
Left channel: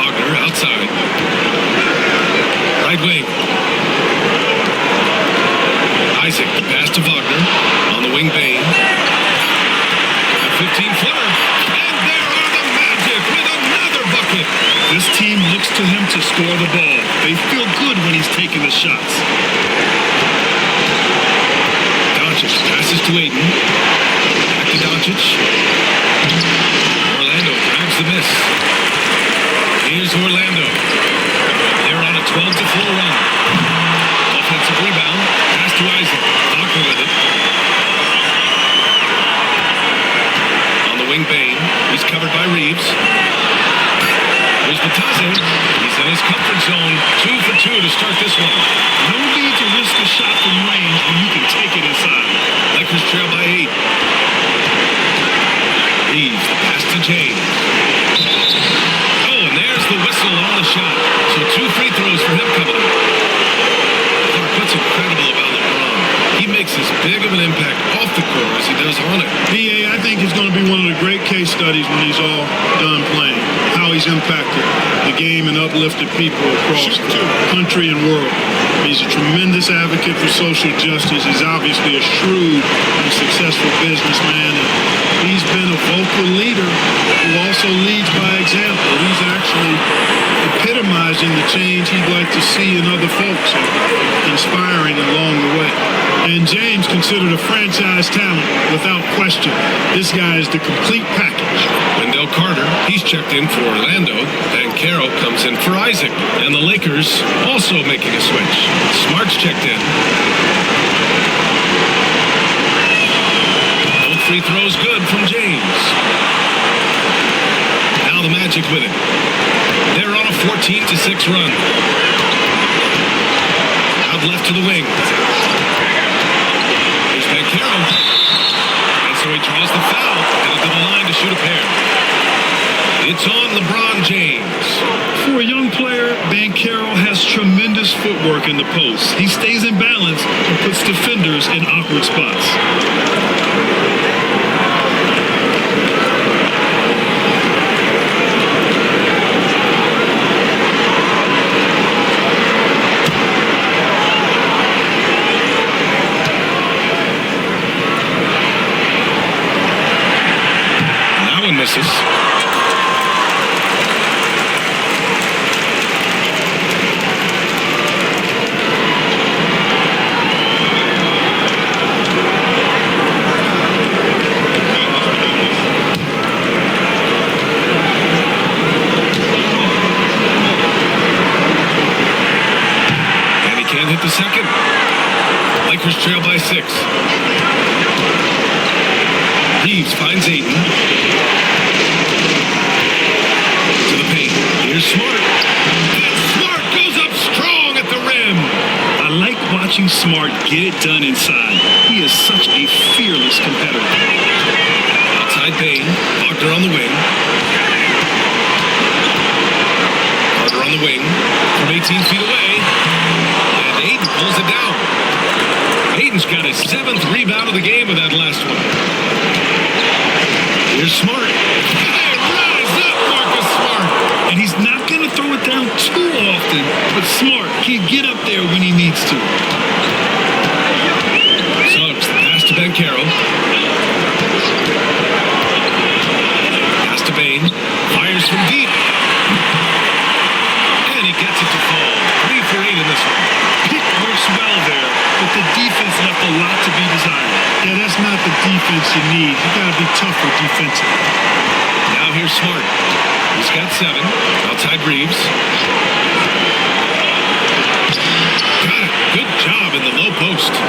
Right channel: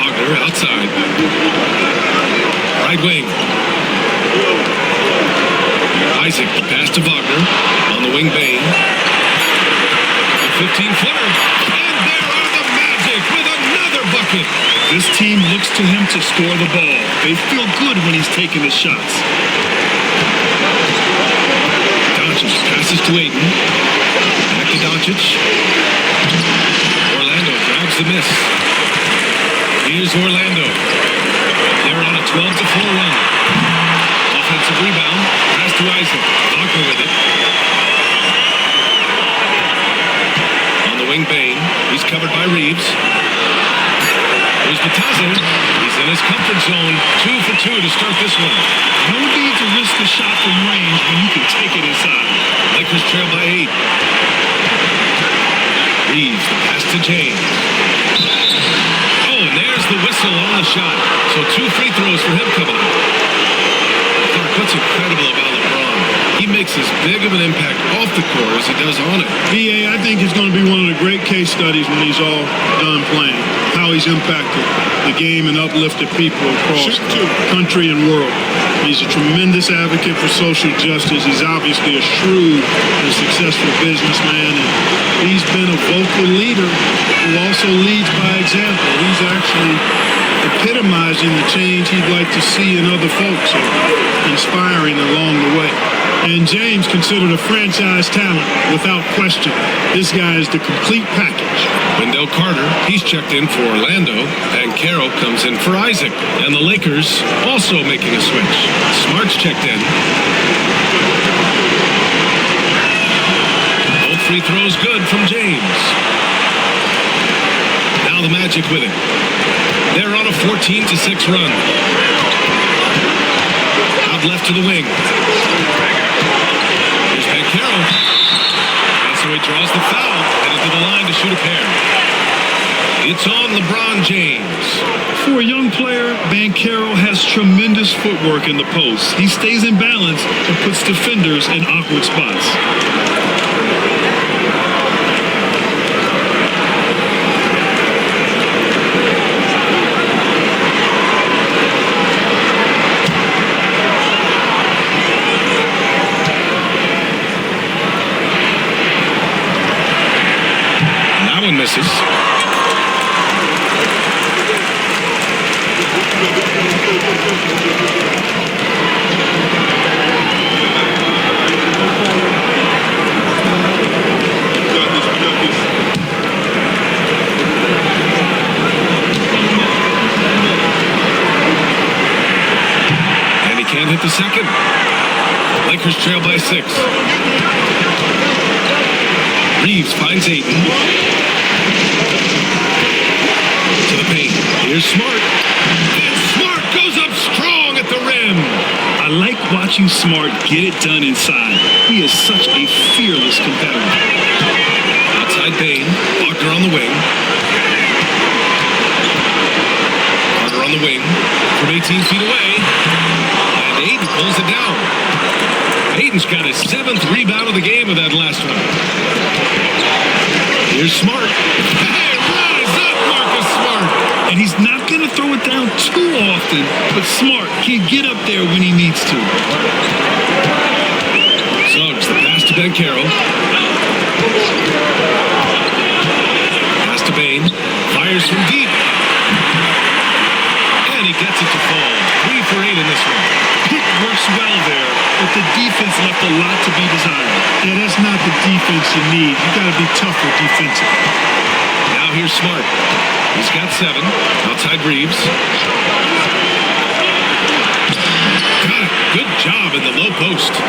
Wagner outside. Right wing. Isaac, the pass to Wagner. On the wing, Bane. The 15-footer. And there are the Magic with another bucket. This team looks to him to score the ball. They feel good when he's taking the shots. Doncic passes to Ayton. Back to Doncic. Orlando grabs the miss. Here's Orlando. They're on a 12-4 run. Offensive rebound. Pass to Isaac. Wagner with it. On the wing, Bane. He's covered by Reeves. Here's Bataze. He's in his comfort zone. 2 for 2 to start this one. No need to risk a shot from range when you can take it inside. Lakers trail by 8. Reeves, the pass to James. Oh, and there's the whistle on the shot. So 2 free throws for him coming up. Clark, what's incredible about LeBron? He makes as big of an impact off the court as he does on it. BA, I think it's going to be one of the great case studies when he's all done playing, how he's impacted the game and uplifted people across the country and world. He's a tremendous advocate for social justice. He's obviously a shrewd and successful businessman, and he's been a vocal leader who also leads by example. He's actually epitomizing the change he'd like to see in other folks and inspiring along the way. And James considered a franchise talent without question. This guy is the complete package. Wendell Carter, he's checked in for Orlando. Banchero comes in for Isaac. And the Lakers also making a switch. Smart's checked in. Both free throws good from James. Now the Magic with it. They're on a 14-6 run. Lob left to the wing. Here's Banchero. And so he draws the foul, headed to the line to shoot a pair. It's on LeBron James. For a young player, Banchero has tremendous footwork in the post. He stays in balance and puts defenders in awkward spots. That one misses. And he can't hit the second. Lakers trail by 6. Reeves finds Ayton. To the paint. Here's Smart. And Smart goes up strong at the rim. I like watching Smart get it done inside. He is such a fearless competitor. Outside Bane. Wagner on the wing. Carter on the wing from 18 feet away. And Ayton pulls it down. Ayton's got his 7th rebound of the game with that last one. Here's Smart. Hey, rise up, Marcus Smart. And he's not going to throw it down too often, but Smart can get up there when he needs to. Suggs, the pass to Banchero. Pass to Bane. Fires from deep. And he gets it to fall. 3 for 8 in this one. Pick works well there, but the defense left a lot to be desired. Yeah, that's not the defense you need. You got to be tougher defensively. Now here's Smart. He's got 7. Outside Reeves. Got it. Good job in the low post.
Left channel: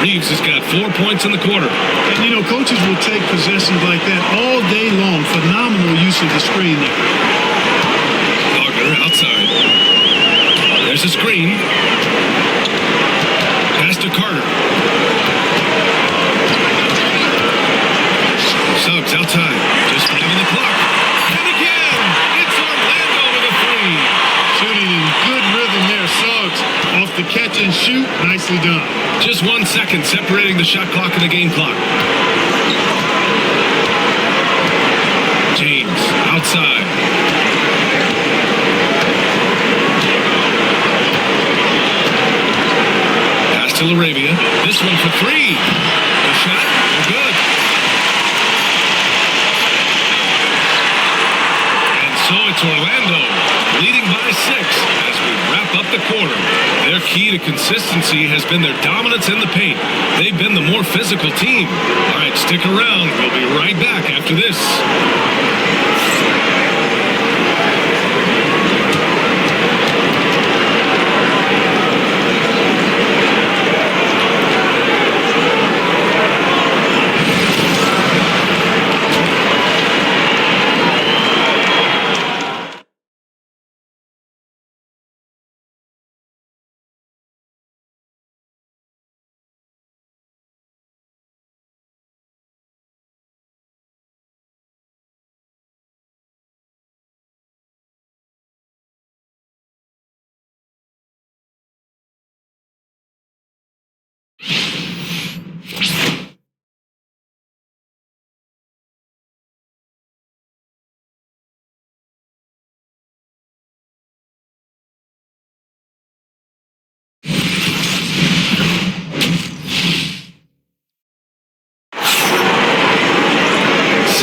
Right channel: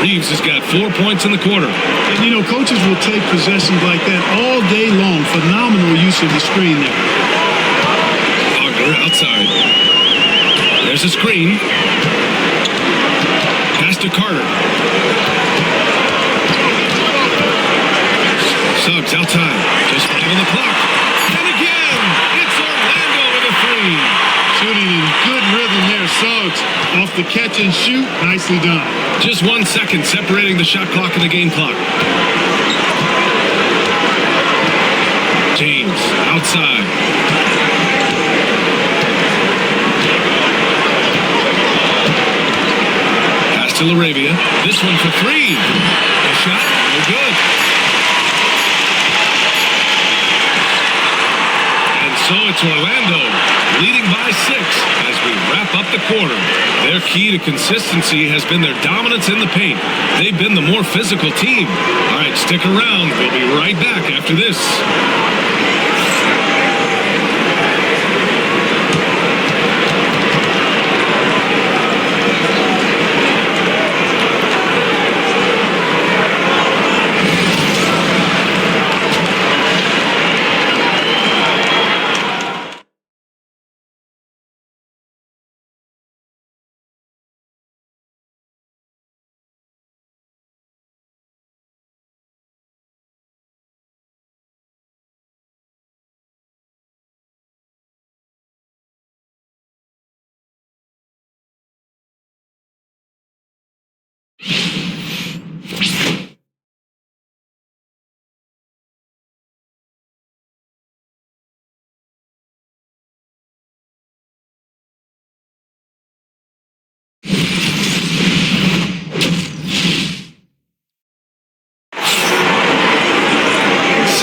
Reeves has got 4 points in the quarter. And, you know, coaches will take possessions like that all day long. Phenomenal use of the screen there. Wagner outside. There's a screen. Pass to Carter. Suggs outside. Just 5 on the clock. And again, it's Orlando with a 3. Shooting in good rhythm there. Suggs off the catch and shoot. Nicely done. Just 1 second separating the shot clock and the game clock. James outside. Pass to LaRavia. This one for 3. The shot, no good. And so it's Orlando leading by 6 as we wrap up the quarter. Their key to consistency has been their dominance in the paint. They've been the more physical team. All right, stick around. We'll be right back after this.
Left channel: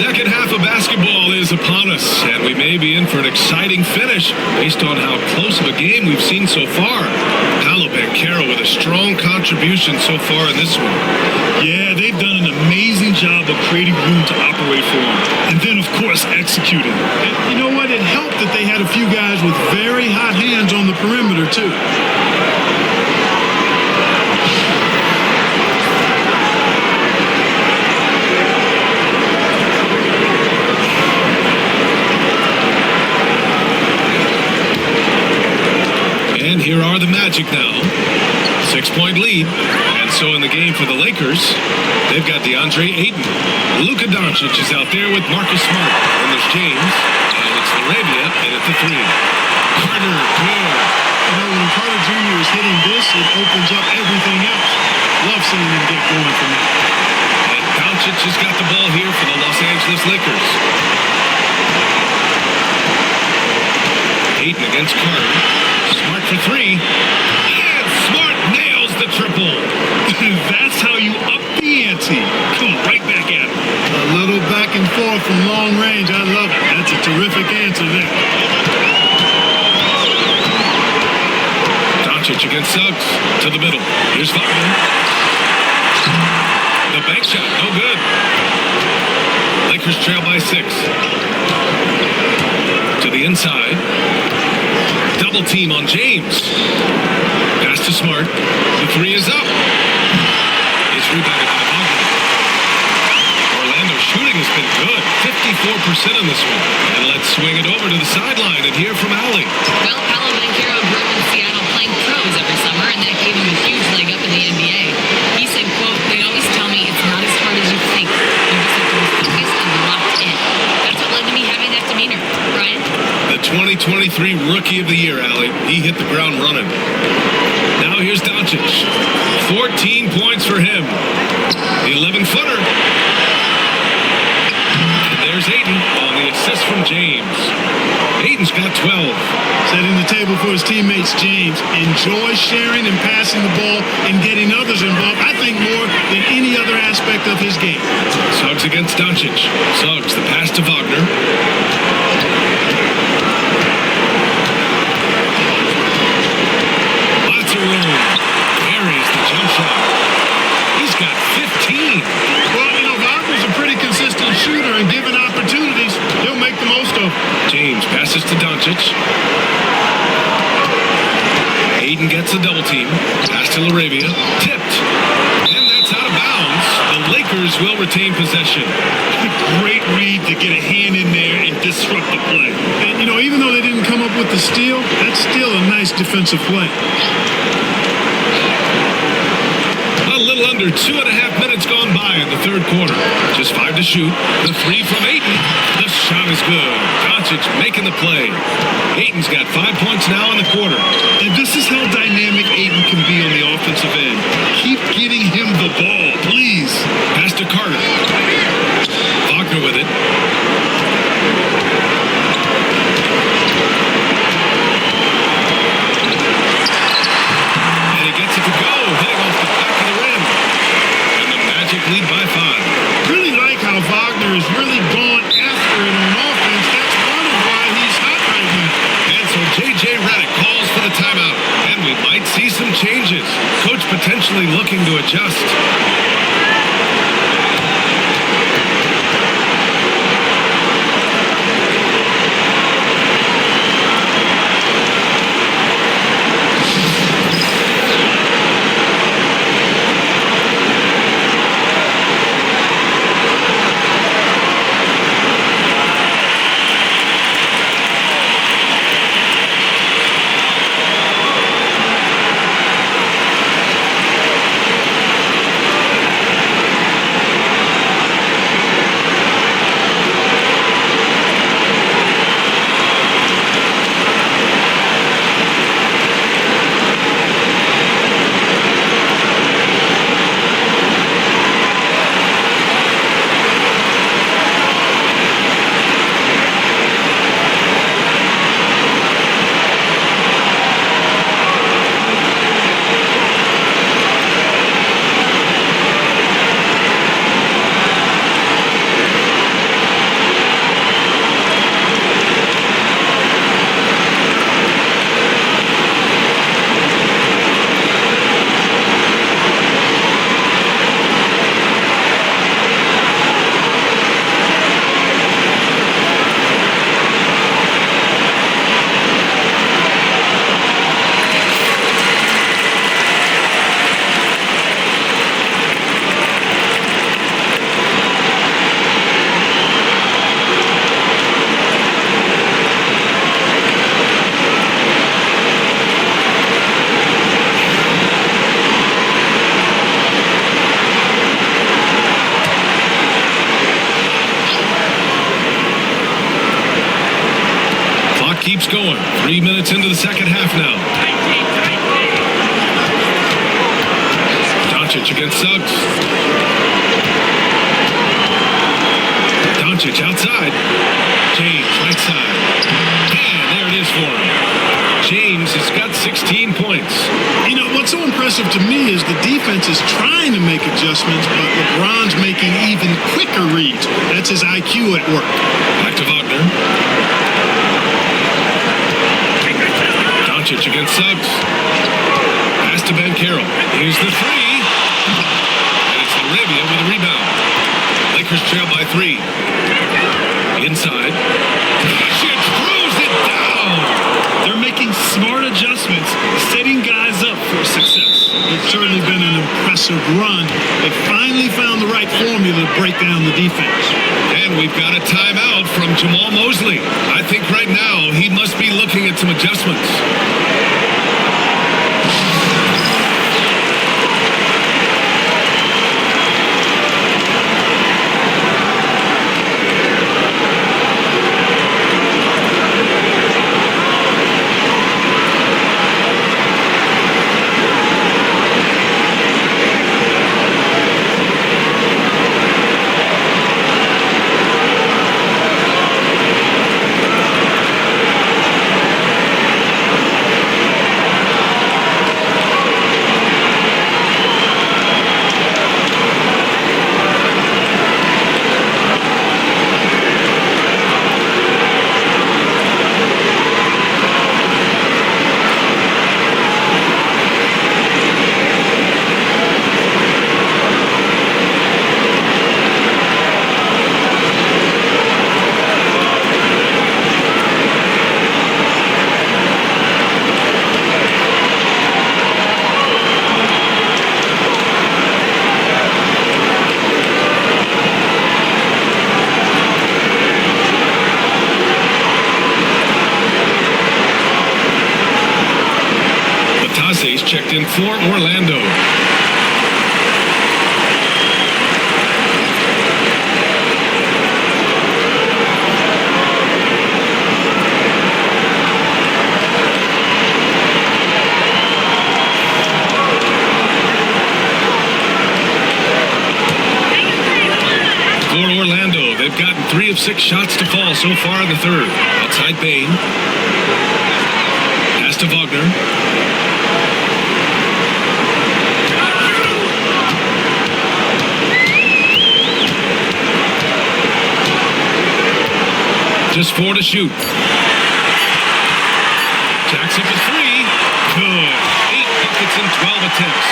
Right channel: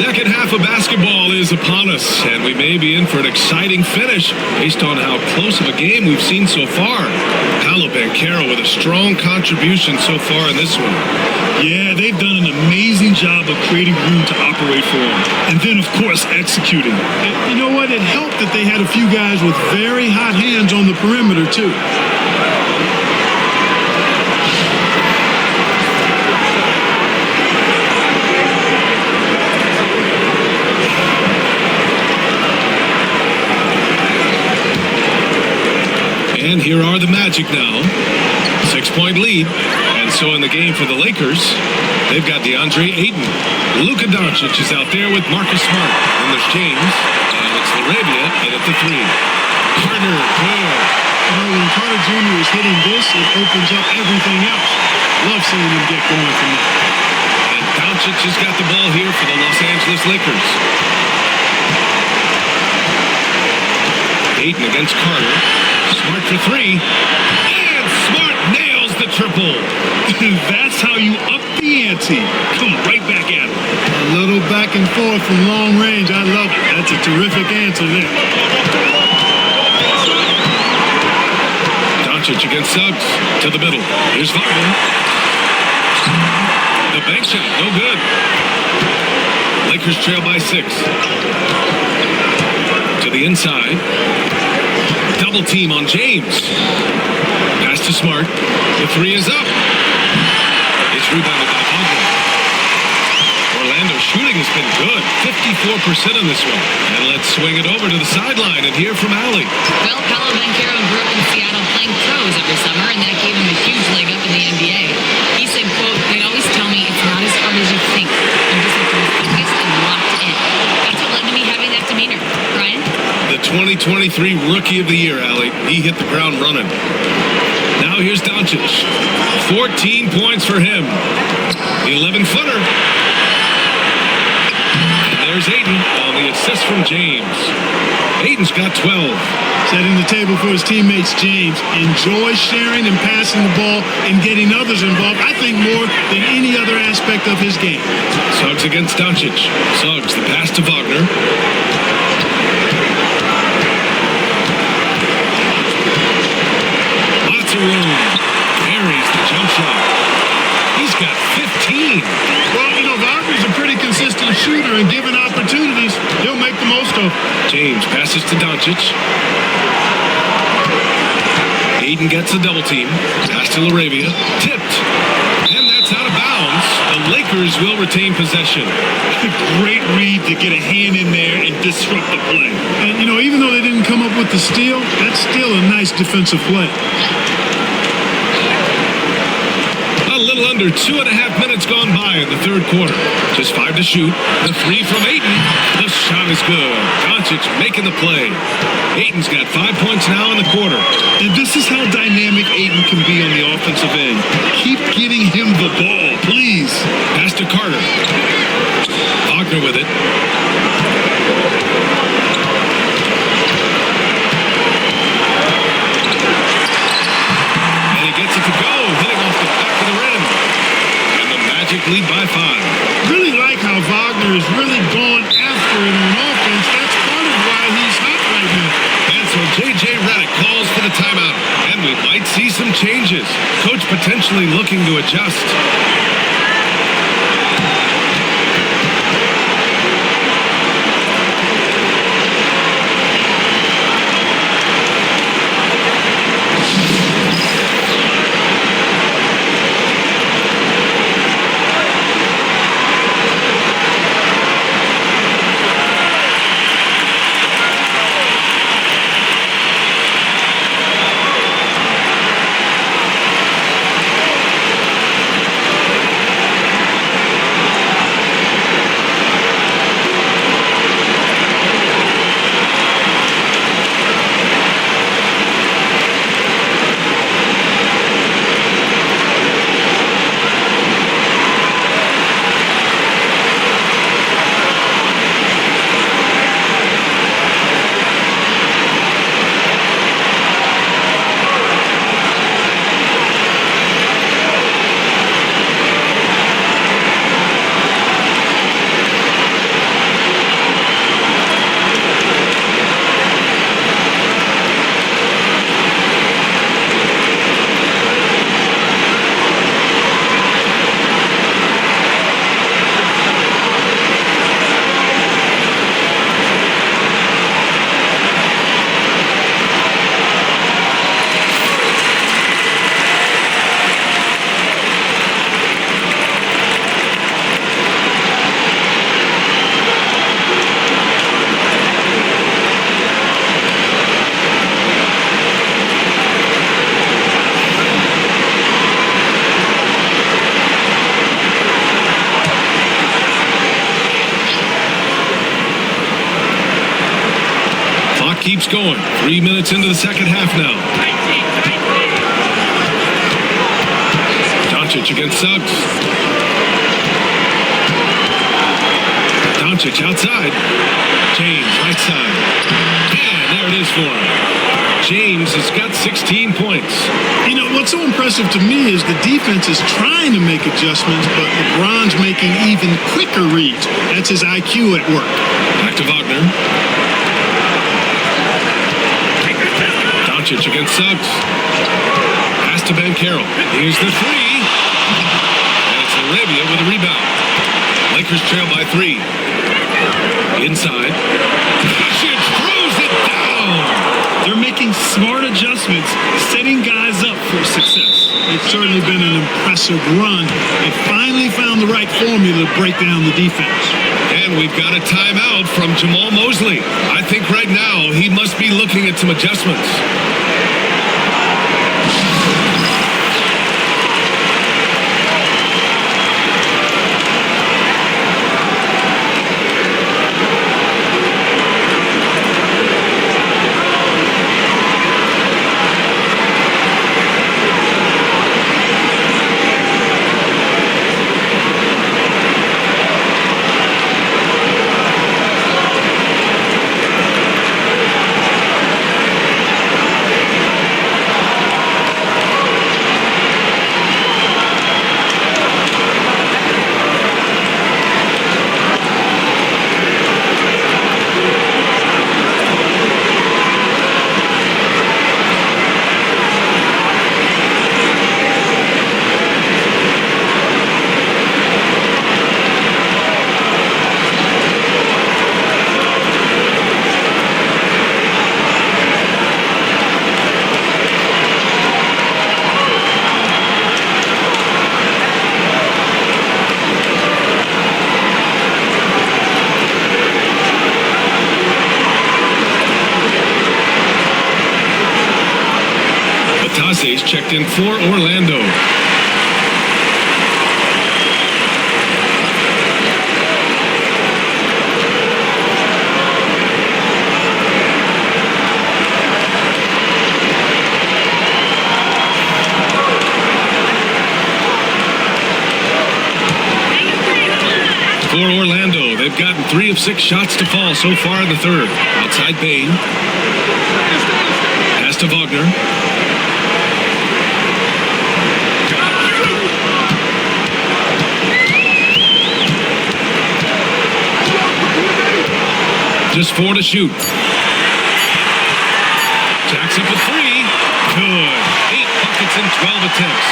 Second half of basketball is upon us, and we may be in for an exciting finish based on how close of a game we've seen so far. Paolo Banchero with a strong contribution so far in this one. Yeah, they've done an amazing job of creating room to operate for him. And then, of course, executing. And you know what? It helped that they had a few guys with very hot hands on the perimeter, too. And here are the Magic now. 6-point lead. And so in the game for the Lakers, they've got DeAndre Ayton. Luka Doncic is out there with Marcus Smart. Then there's James. And it's Laravia in at the 3. Carter, good. You know, when Carter Jr. is hitting this, it opens up everything else. Love seeing him get going from there. And Doncic has got the ball here for the Los Angeles Lakers. Ayton against Carter. Smart for 3. And Smart nails the triple. That's how you up the ante. Come right back at him. A little back and forth from long range. I love it. That's a terrific answer there. Doncic against Suggs to the middle. Here's Wagner. The bank shot, no good. Lakers trail by 6. To the inside. Double team on James. Pass to Smart. The 3 is up. It's rebounded by Wagner. Orlando's shooting has been good. 54% on this one. And let's swing it over to the sideline and hear from Allie. Well, Paolo Banchero grew up in Seattle playing pros every summer, and that gave him a huge leg up in the NBA. He said, quote, "They'd always tell me it's not as hard as you think. You just have to be focused and locked in." That's what led to me having that demeanor. Brian? The 2023 Rookie of the Year, Allie. He hit the ground running. Now here's Doncic. 14 points for him. The 11-footer. And there's Ayton on the assist from James. Ayton's got 12. Setting the table for his teammates, James. Enjoy sharing and passing the ball and getting others involved, I think, more than any other aspect of his game. Suggs against Doncic. Suggs, the pass to Wagner. Lots of room. Carries the jump shot. He's got 15. Well, you know, Wagner's a pretty consistent shooter, and given opportunities, he'll make the most of them. James passes to Doncic. Ayton gets a double team. Pass to Laravia. Tipped. And that's out of bounds. The Lakers will retain possession. Great read to get a hand in there and disrupt the play. And, you know, even though they didn't come up with the steal, that's still a nice defensive play. A little under 2.5 minutes gone by in the third quarter. Just 5 to shoot. The 3 from Ayton. The shot is good. Doncic making the play. Ayton's got 5 points now in the quarter. And this is how dynamic Ayton can be on the offensive end. Keep getting him the ball, please. Pass to Carter. Wagner with it. And he gets it to go, hitting off the back of the rim. And the Magic lead by 5. Really like how Wagner is really going after it on offense. That's part of why he's hot right now. And so J.J. Redick calls for the timeout. And we might see some changes. Coach potentially looking to adjust. keeps going. 3 minutes into the second half now. Doncic against Suggs. Doncic outside. James right side. And there it is for him. James has got 16 points. You know, what's so impressive to me is the defense is trying to make adjustments, but LeBron's making even quicker reads. That's his IQ at work. Back to Wagner. Doncic against Suggs. Pass to Ben Carroll. Here's the three. And it's Arabia with a rebound. Lakers trail by 3. Inside. Doncic throws it down. They're making smart adjustments, setting guys up for success. It's certainly been an impressive run. They finally found the right formula to break down the defense. And we've got a timeout from Jamal Mosley. I think right now he must be looking at some adjustments. Batase's checked in for Orlando. For Orlando, they've gotten 3 of 6 shots to fall so far in the third. Outside Bain. Pass to Wagner. Just 4 to shoot. Jacks up a 3. Good. 8 buckets in 12 attempts.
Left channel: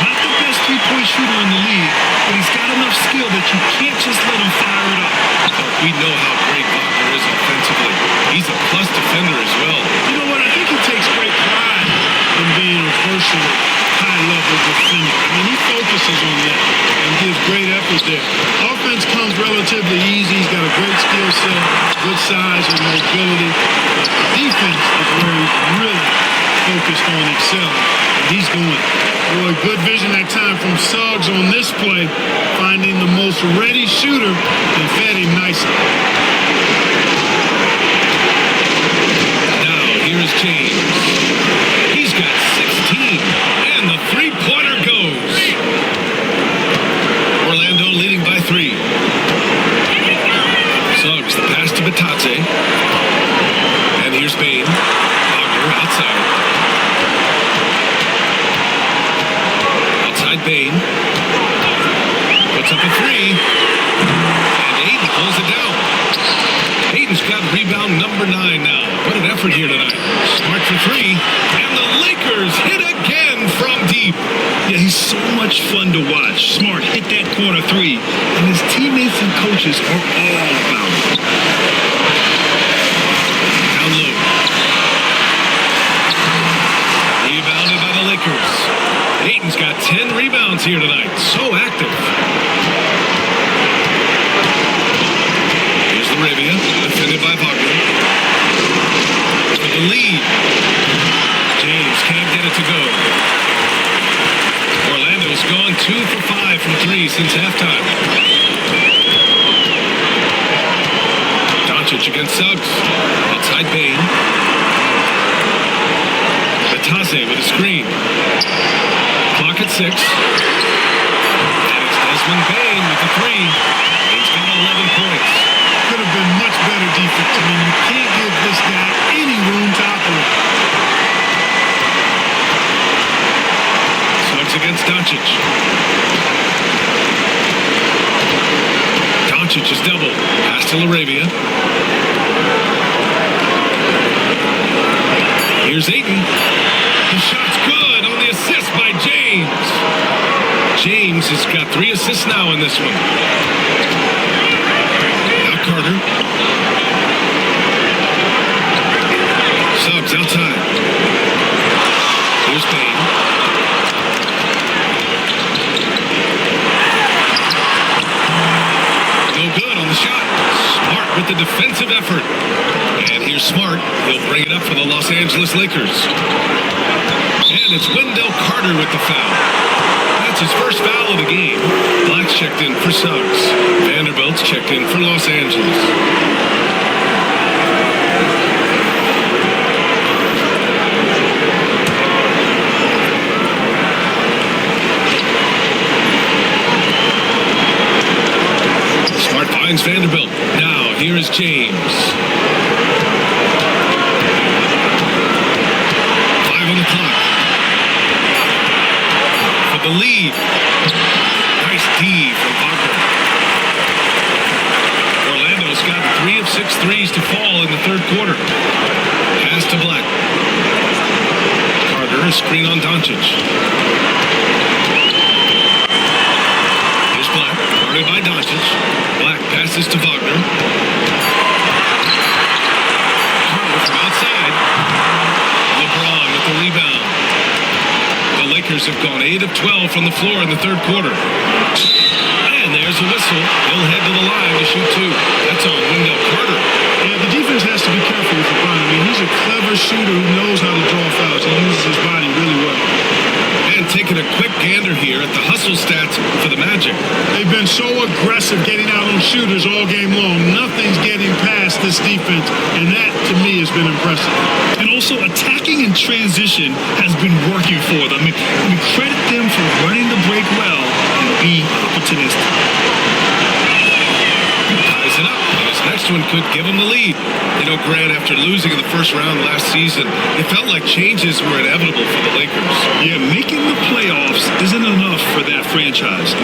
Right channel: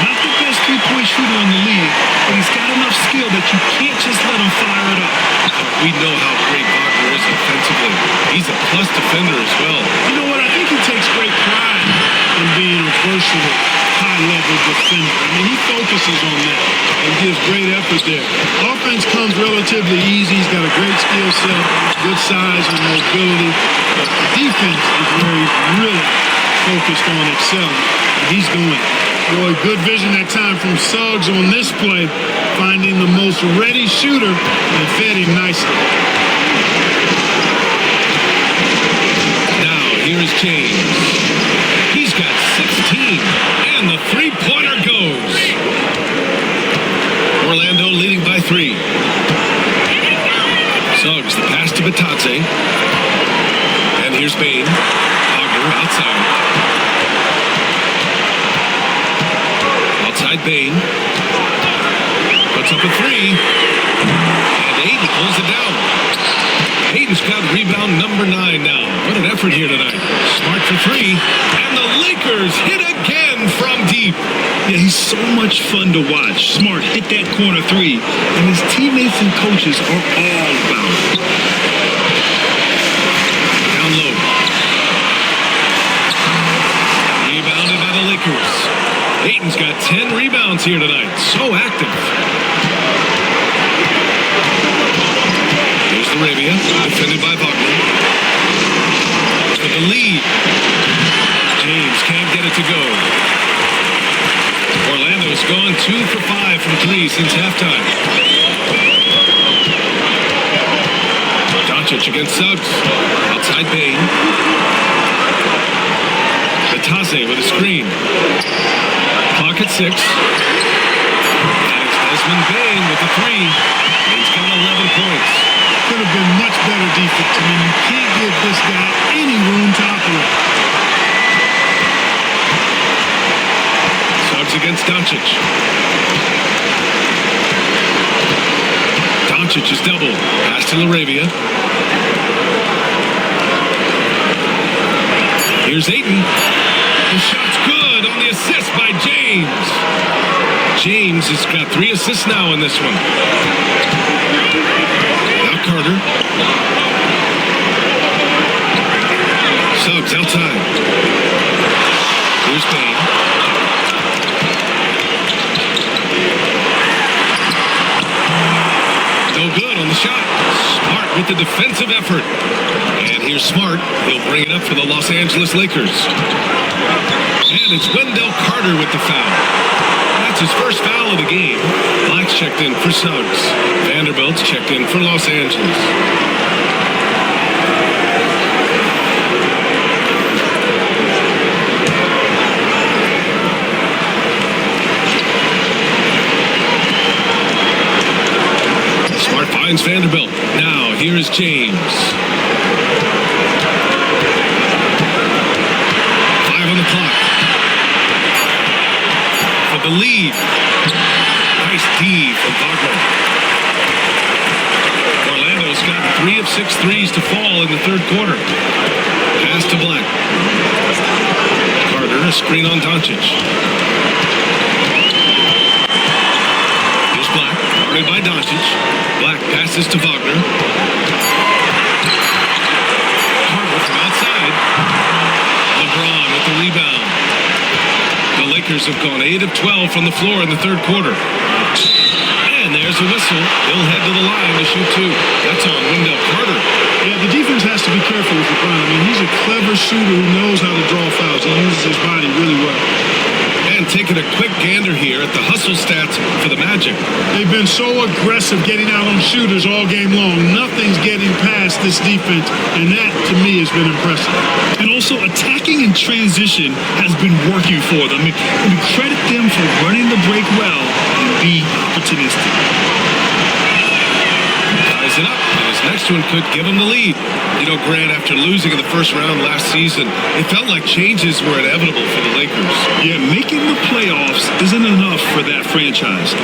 Not the best three-point shooter in the league, but he's got enough skill that you can't just let him fire it up. Clark, we know how great Wagner is offensively. He's a plus defender as well. You know what? I think he takes great pride in being a versatile, high-level defender. I mean, he focuses on that and gives great effort there. Offense comes relatively easy. He's got a great skill set, good size and mobility. But the defense is where he's really focused on excelling, and he's doing it. Boy, good vision that time from Suggs on this play, finding the most ready shooter and fed him nicely. Now, here's James. He's got 16, and the three-pointer goes. Orlando leading by 3. Suggs, the pass to Batadze. And here's Bain. Wagner outside. Outside Bain. Puts up a 3. And Ayton pulls it down. Ayton's got rebound number 9 now. What an effort here tonight. Smart for 3. And the Lakers hit again from deep. Yeah, he's so much fun to watch. Smart hit that corner 3. And his teammates and coaches are all about it. Down low. Rebounded by the Lakers. Ayton's got 10 rebounds here tonight. So active. Here's Arabia, defended by Wagner. For the lead. James can't get it to go. Orlando's gone 2 for 5 from 3 since halftime. Doncic against Suggs. Outside Outside Bain. Batase with a screen. Clock at 6. And it's Desmond Bain with the 3. Bain's got 11 points. Could have been much better defense. I mean, you can't give this guy any room to operate. Suggs against Doncic. Doncic is doubled. Pass to LaRavia. Here's Ayton. The shot's good on the assist by James. James has got 3 assists now in this one. Now Carter. Suggs outside. Here's Bain. No good on the shot. Smart with the defensive effort. And here's Smart. He'll bring it up for the Los Angeles Lakers. And it's Wendell Carter with the foul. That's his first foul of the game. Black's checked in for Suggs. Vanderbilt's checked in for Los Angeles. Smart finds Vanderbilt. Now, here is James. 5 on the clock. For the lead. Nice D from Wagner. Orlando's got 3 of 6 threes to fall in the third quarter. Pass to Black. Carter, a screen on Doncic. Here's Black, guarded by Doncic. Black passes to Wagner. Carter from outside. LeBron with the rebound. The Lakers have gone 8 of 12 from the floor in the third quarter. And there's a whistle. He'll head to the line to shoot 2. That's on Wendell Carter. Yeah, the defense has to be careful with LeBron. I mean, he's a clever shooter who knows how to draw fouls. He uses his body really well. And taking a quick gander here at the hustle stats for the Magic. They've been so aggressive getting out on shooters all game long. Nothing's getting past this defense, and that, to me, has been impressive. And also, attacking in transition has been working for them. I mean, credit them for running the break well and being opportunistic. Ties it up, and his next one could give him the lead. You know, Grant, after losing in the first round last season, it felt like changes were inevitable for the Lakers. Yeah, making the playoffs isn't enough for that franchise.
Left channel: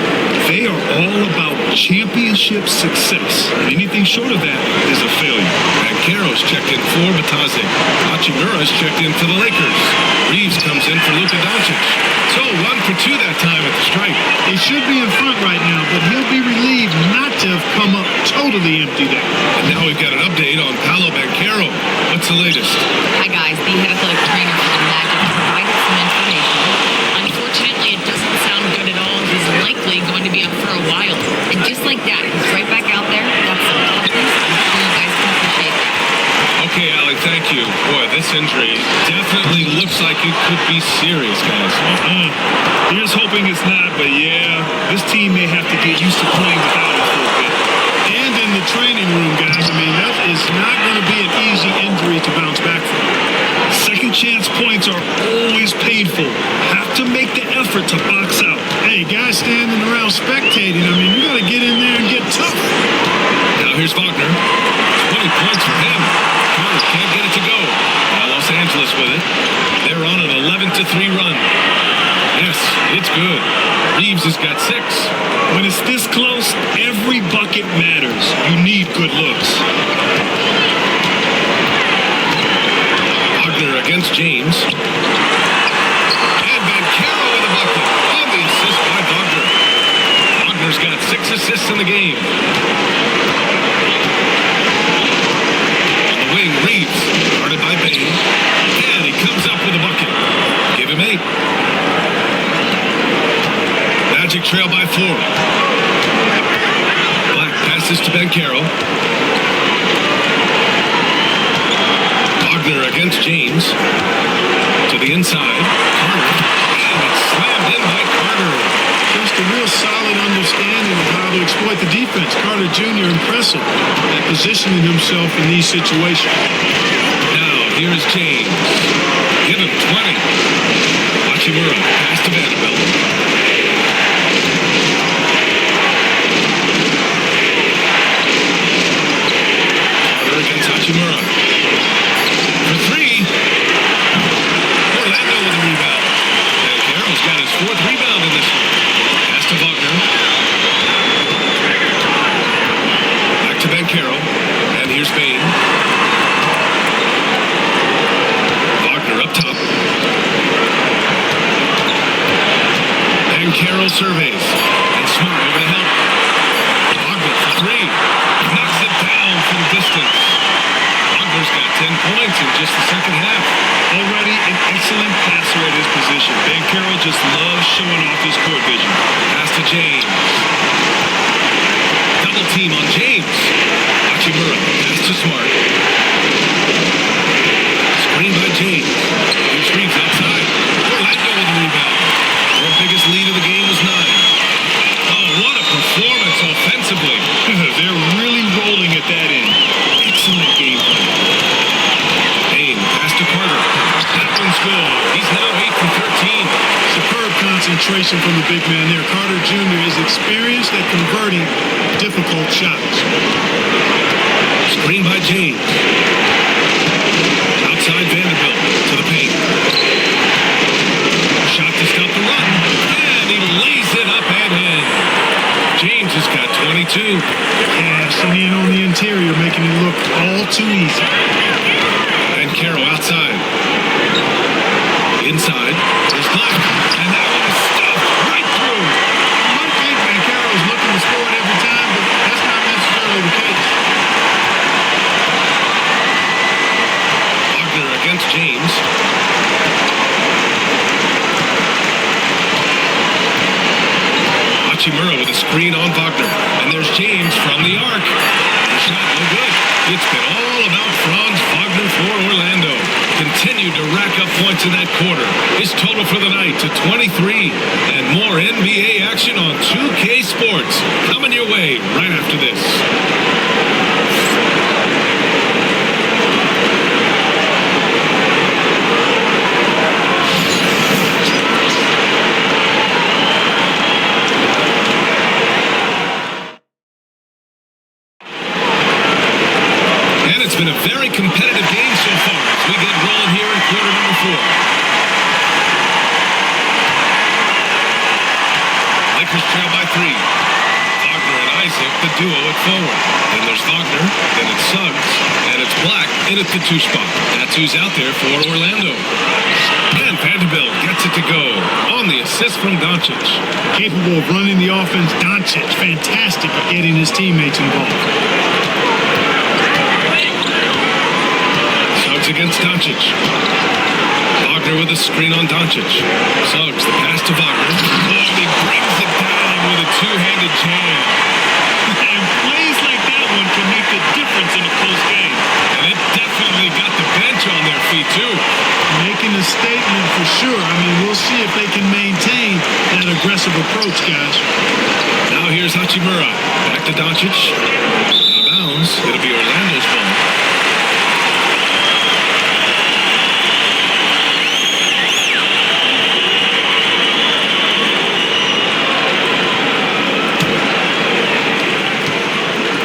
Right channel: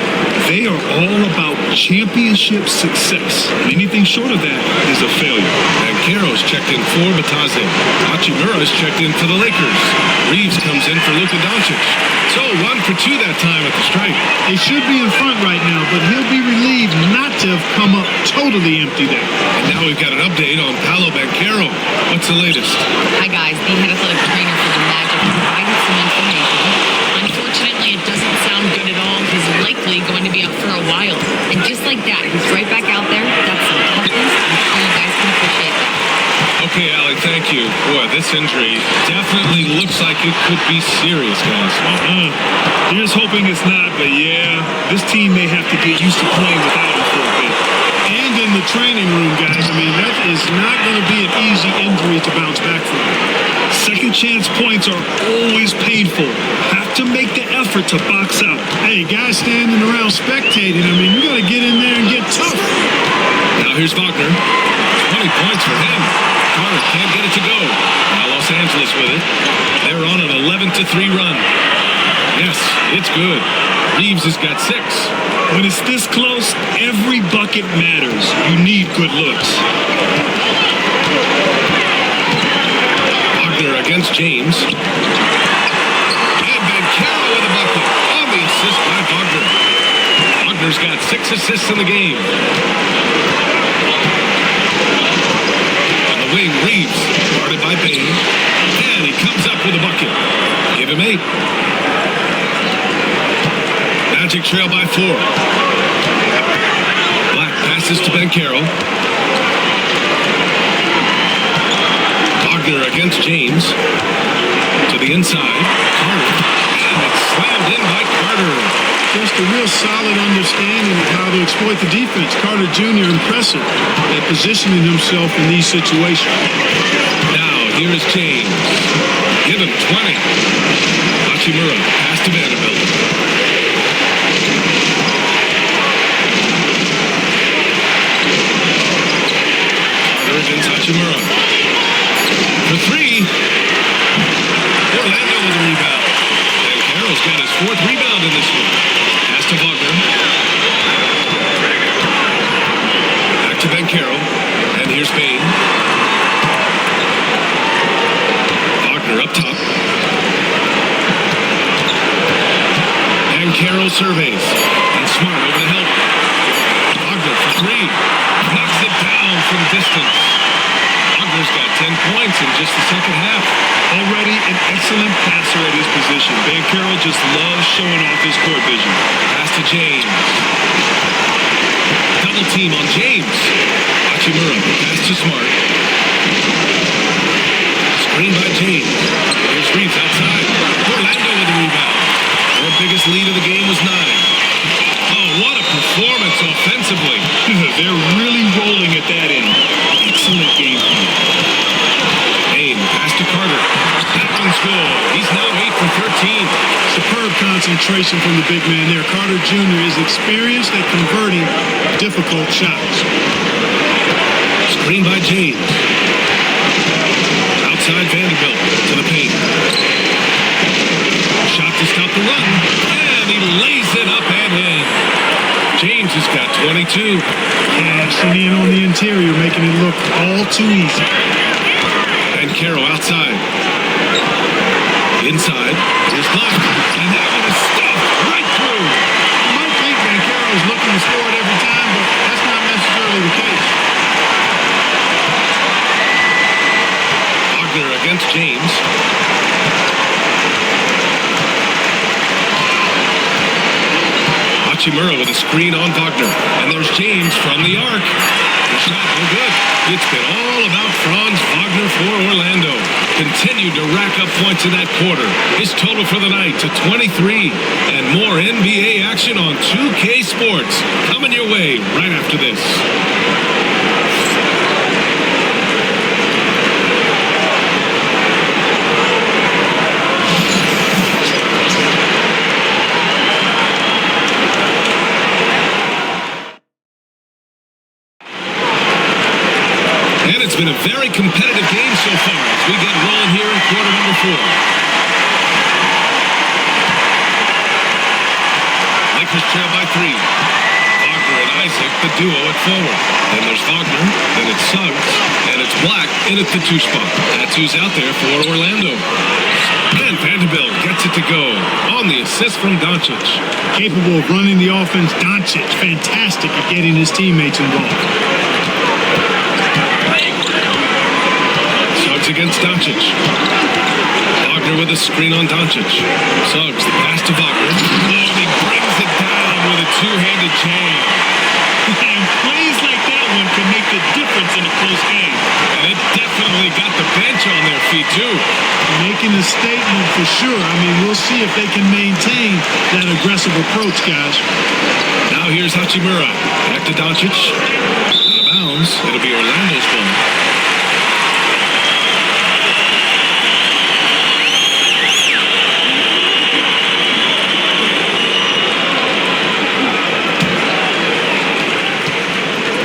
They are all about championship success, and anything short of that is a failure. Banchero's checked in for Batase. Hachimura's checked in for the Lakers. Reeves comes in for Luka Doncic. So 1 for 2 that time at the stripe. They should be in front right now, but he'll be relieved not to have come up totally empty there. And now we've got an update on Paolo Banchero. What's the latest? Hi, guys. The head athletic trainer for the Magic provided some information. Unfortunately, it doesn't sound good at all. He's likely going to be out for a while. And just like that, he's right back out there. That's some toughness. I'm sure you guys can appreciate that. Okay, Allie, thank you. Boy, this injury definitely looks like it could be serious, guys. Here's hoping it's not, but yeah, this team may have to get used to playing without him for a bit. And in the training room, guys, I mean, that is not going to be an easy injury to bounce back from. Second chance points are always painful. Have to make the effort to box out. Hey, guys standing around spectating, I mean, you got to get in there and get tough. Now here's Wagner. 20 points for him. Carter can't get it to go. Now Los Angeles with it. They're on an 11-3 run. Yes, it's good. Reeves has got 6. When it's this close, every bucket matters. You need good looks. Wagner against James. And Banchero with a bucket on the assist by Wagner. Wagner's got 6 assists in the game. On the wing, Reeves, guarded by Bain. And he comes up with a bucket. Give him 8. Magic trail by 4. Black passes to Banchero. Wagner against James. To the inside. Carter. And it's slammed in by Carter. Just a real solid understanding of how to exploit the defense. Carter Jr. impressive at positioning himself in these situations. Here is James. Give him 20. Hachimura, pass to Vanderbilt. Carter against Hachimura. For 3. Orlando with a rebound. Banchero's got his 4th rebound in this one. Pass to Wagner. Back to Banchero. And here's Bain. Wagner up top. Banchero surveys. And Smart over to help. Wagner for 3. Knocks it down from distance. Wagner's got 10 points in just the second half. Already an excellent passer at his position. Banchero just loves showing off his court vision. Pass to James. Double team on James. Hachimura, pass to Smart. Screen by James. Here's Reeves outside. Orlando with the rebound. Their biggest lead of the game was 9. Oh, what a performance offensively. They're really rolling at that end. Excellent game plan. Bain, the pass to Carter. That one's good. He's now 8 for 13. Superb concentration from the big man there. Carter Jr. is experienced at converting difficult shots. Screen by James. Outside Vanderbilt to the paint. Shot to stop the run. And he lays it up and in. James has got 22. Cashing in on the interior, making it look all too easy. Banchero outside. Inside. There's Black. And that one is stuffed right through. You might think Banchero's looking to score it every time, but that's not necessarily the case. Wagner against James. Hachimura with a screen on Wagner. And there's James from the arc. The shot no good. It's been all about Franz Wagner for Orlando. Continued to rack up points in that quarter. His total for the night to 23. And more NBA action on 2K Sports. Coming your way right after this. And it's been a very competitive game so far as we get rolling here in quarter number 4. Lakers trail by 3. Wagner and Isaac, the duo at forward. Then there's Wagner, then it's Suggs, and it's Black in at the 2 spot. That's who's out there for Orlando. And Vanderbilt gets it to go on the assist from Doncic. Capable of running the offense, Doncic, fantastic at getting his teammates involved. Suggs against Doncic. Wagner with a screen on Doncic. Suggs, the pass to Wagner. Oh, and he brings it down with a 2-handed jam. And plays like that one can make the difference in a close game. And it definitely got the bench on their feet, too. Making a statement for sure. I mean, we'll see if they can maintain that aggressive approach, guys. Now here's Hachimura. Back to Doncic. Out of bounds. It'll be Orlando's ball.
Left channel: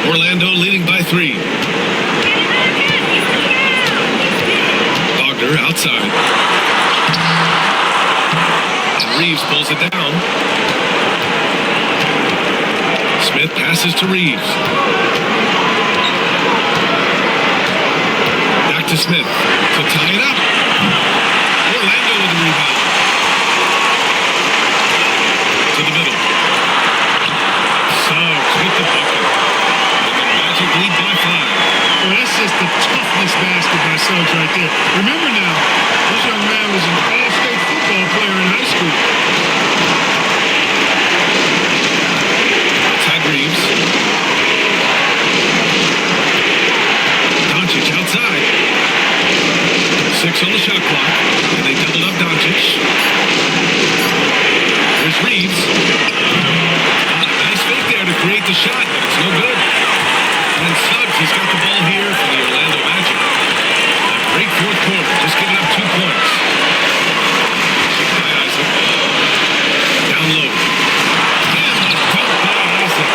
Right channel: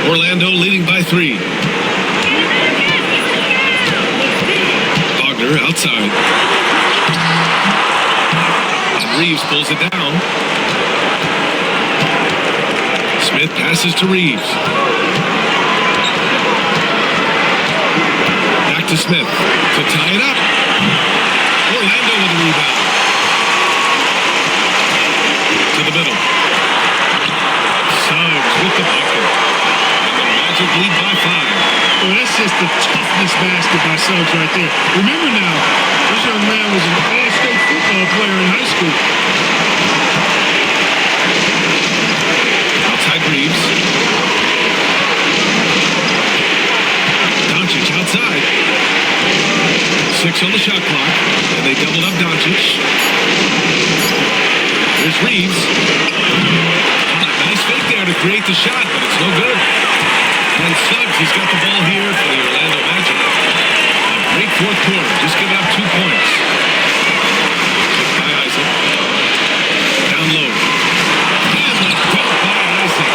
Orlando leading by 3. Wagner outside. And Reeves pulls it down. Smith passes to Reeves. Back to Smith to tie it up. Orlando with the rebound. To the middle. Suggs with the bucket. And the Magic lead by 5. Boy, that's just the toughness basket by Suggs right there. Remember now, this young man was an all-state football player in high school. Outside Reeves. Doncic outside. 6 on the shot clock. And they doubled up Doncic. Here's Reeves. Nice fake there to create the shot, but it's no good. And Suggs has got the ball here for the Orlando Magic. Now Great fourth quarter. Just giving up 2 points. Picked by Isaac. Down low. And the dunk by Isaac.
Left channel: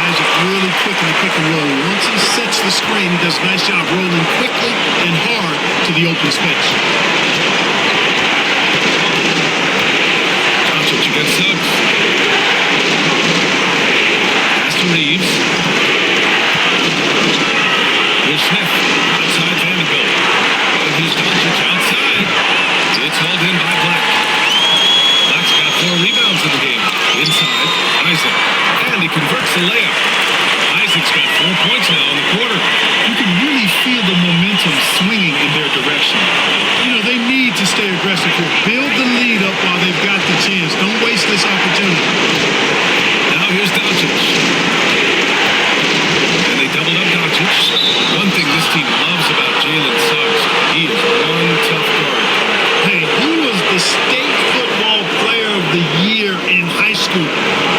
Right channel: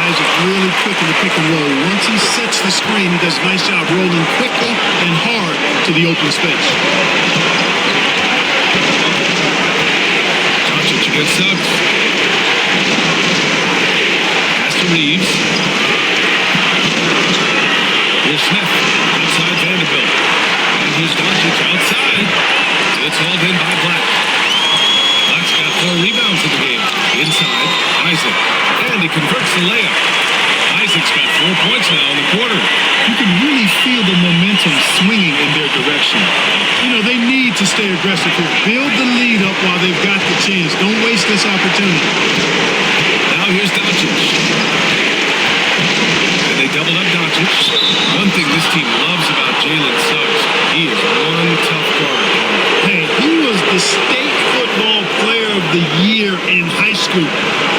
Isaac really quick in the pick and roll. Once he sets the screen, he does a nice job rolling quickly and hard to the open space. Doncic against Suggs. Pass to Reeves. Here's Smith. Outside Vanderbilt. And here's Doncic outside. It's hauled in by Black. Black's got 4 rebounds in the game. Inside, Isaac. And he converts the layup. Isaac's got 4 points now in the quarter. You can really feel the momentum swinging in their direction. You know, they need to stay aggressive here. Build the lead up while they've got the chance. Don't waste this opportunity. Now here's Doncic. And they doubled up Doncic. One thing this team loves about Jalen Suggs, he is one tough guard, Clark. Hey, he was the state football player of the year in high school.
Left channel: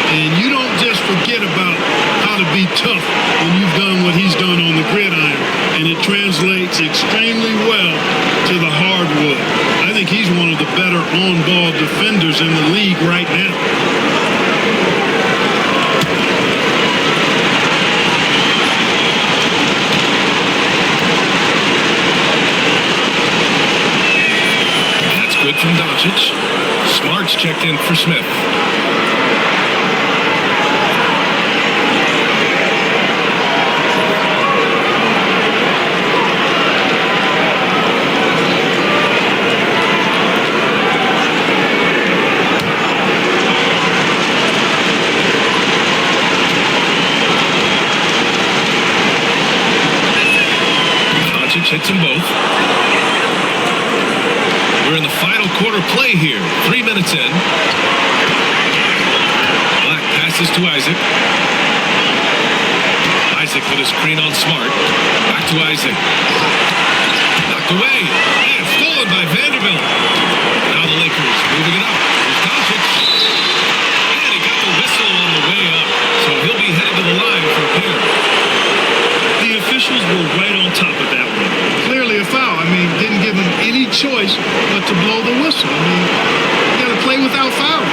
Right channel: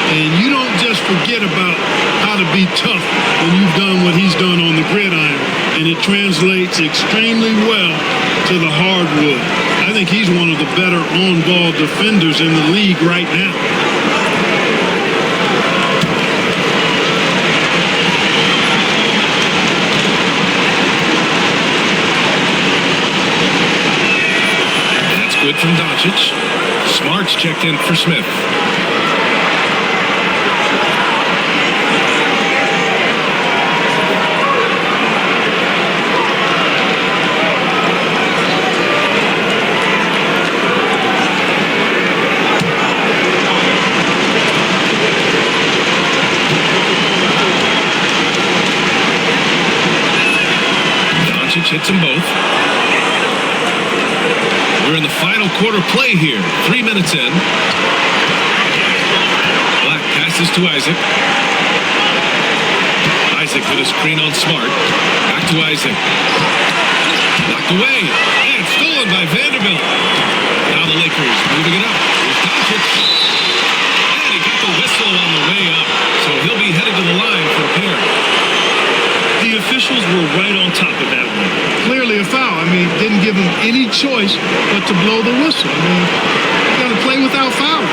And you don't just forget about how to be tough when you've done what he's done on the gridiron. And it translates extremely well to the hardwood. I think he's one of the better on-ball defenders in the league right now. That's good from Doncic. Smart's checked in for Smith. Hits them both. We're in the final quarter play here. 3 minutes in. Black passes to Isaac. Isaac with a screen on Smart. Back to Isaac. Knocked away. And stolen by Vanderbilt. Now the Lakers moving it up. Here's Doncic. And he got the whistle on the way up. So he'll be headed to the line for a pair. The officials were right on top of that one. Clearly a foul. I mean, didn't give him any choice but to blow the whistle. I mean, you got to play without fouling.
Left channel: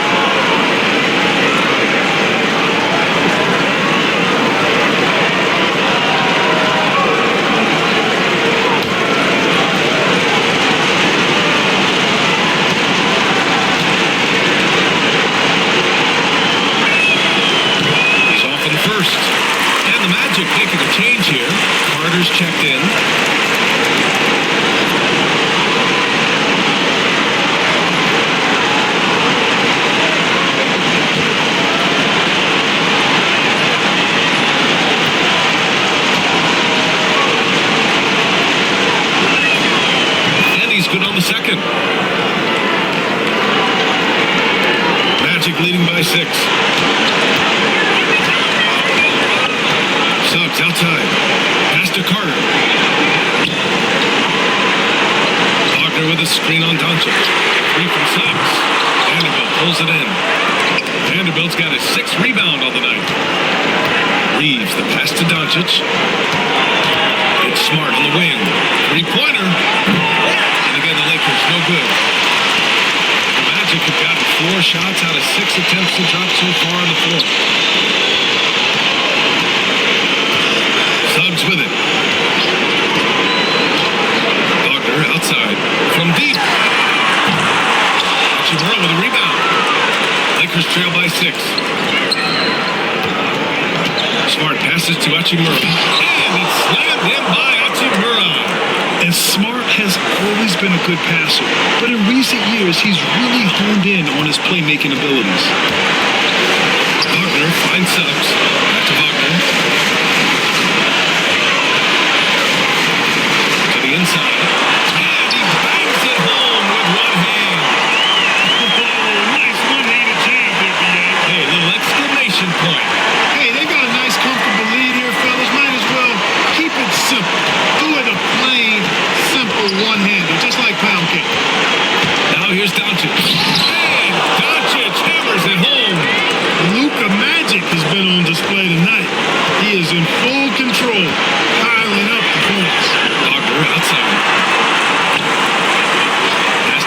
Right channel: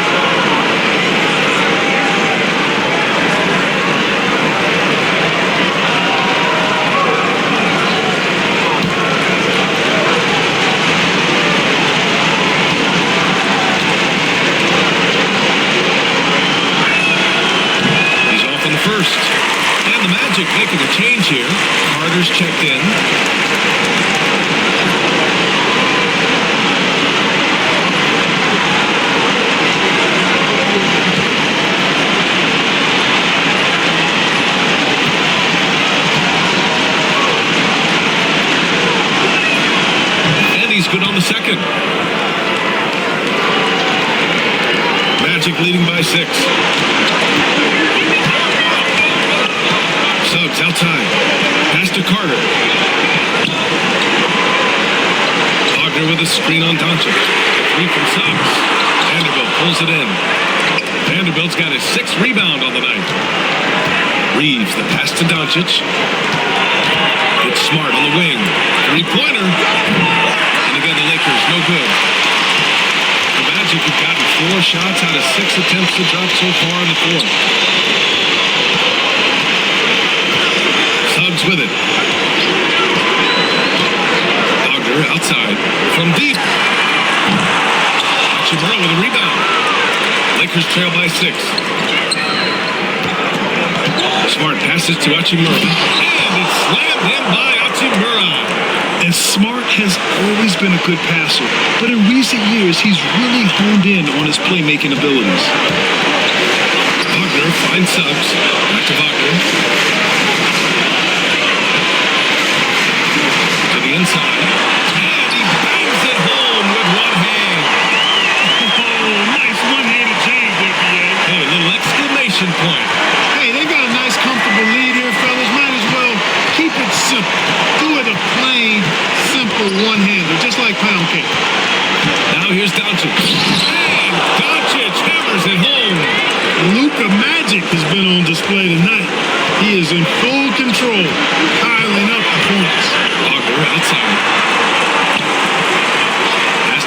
He's off on the first. And the Magic making a change here. Carter's checked in. And he's good on the second. Magic leading by 6. Suggs outside. Pass to Carter. Wagner with a screen on Doncic. The 3 from Suggs. Vanderbilt pulls it in. Vanderbilt's got his 6th rebound on the night. Reeves, the pass to Doncic. It's Smart on the wing. 3-pointer. And again, the Lakers, no good. The Magic have gotten 4 shots out of 6 attempts to drop so far in the 4th. Suggs with it. Wagner outside. From deep. Hachimura with a rebound. Lakers trail by 6. Smart passes to Hachimura. And it's slammed in by Hachimura. And Smart has always been a good passer. But in recent years, he's really honed in on his playmaking abilities. Wagner finds Suggs. Back to Wagner. The inside, and he bangs it home with one hand. Oh, nice one-handed jam there, B.A. Hey, little exclamation point. Hey, they've got a nice, comfortable lead here, fellas. Might as well keep it simple. Do it a plain, simple one-hander, just like pound cake. Now here's Doncic. And Doncic hammers it home. Luka Magic has been on display tonight. He is in full control, piling up the points. Wagner outside.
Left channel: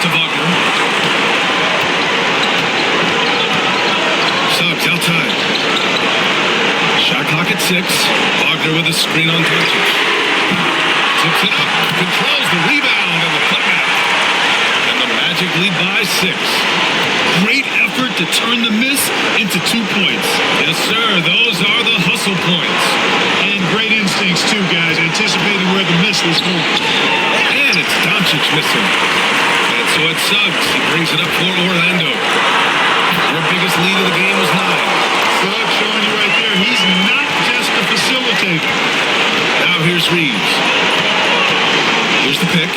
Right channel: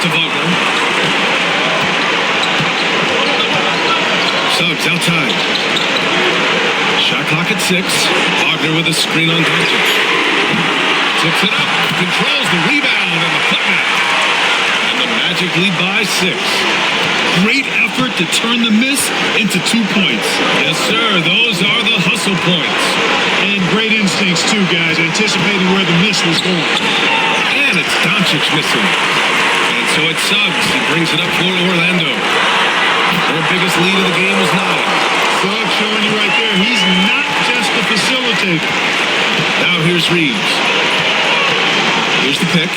to Wagner. Suggs outside. Shot clock at 6. Wagner with a screen on Doncic. Tips it up. Controls the rebound and the putback. And the Magic lead by 6. Great effort to turn the miss into 2 points. Yes, sir. Those are the hustle points. And great instincts, too, guys, anticipating where the miss was going. And it's Doncic missing. And so it's Suggs. He brings it up for Orlando. Their biggest lead of the game was 9. Suggs showing you right there, he's not just a facilitator. Now here's Reeves. Here's the pick.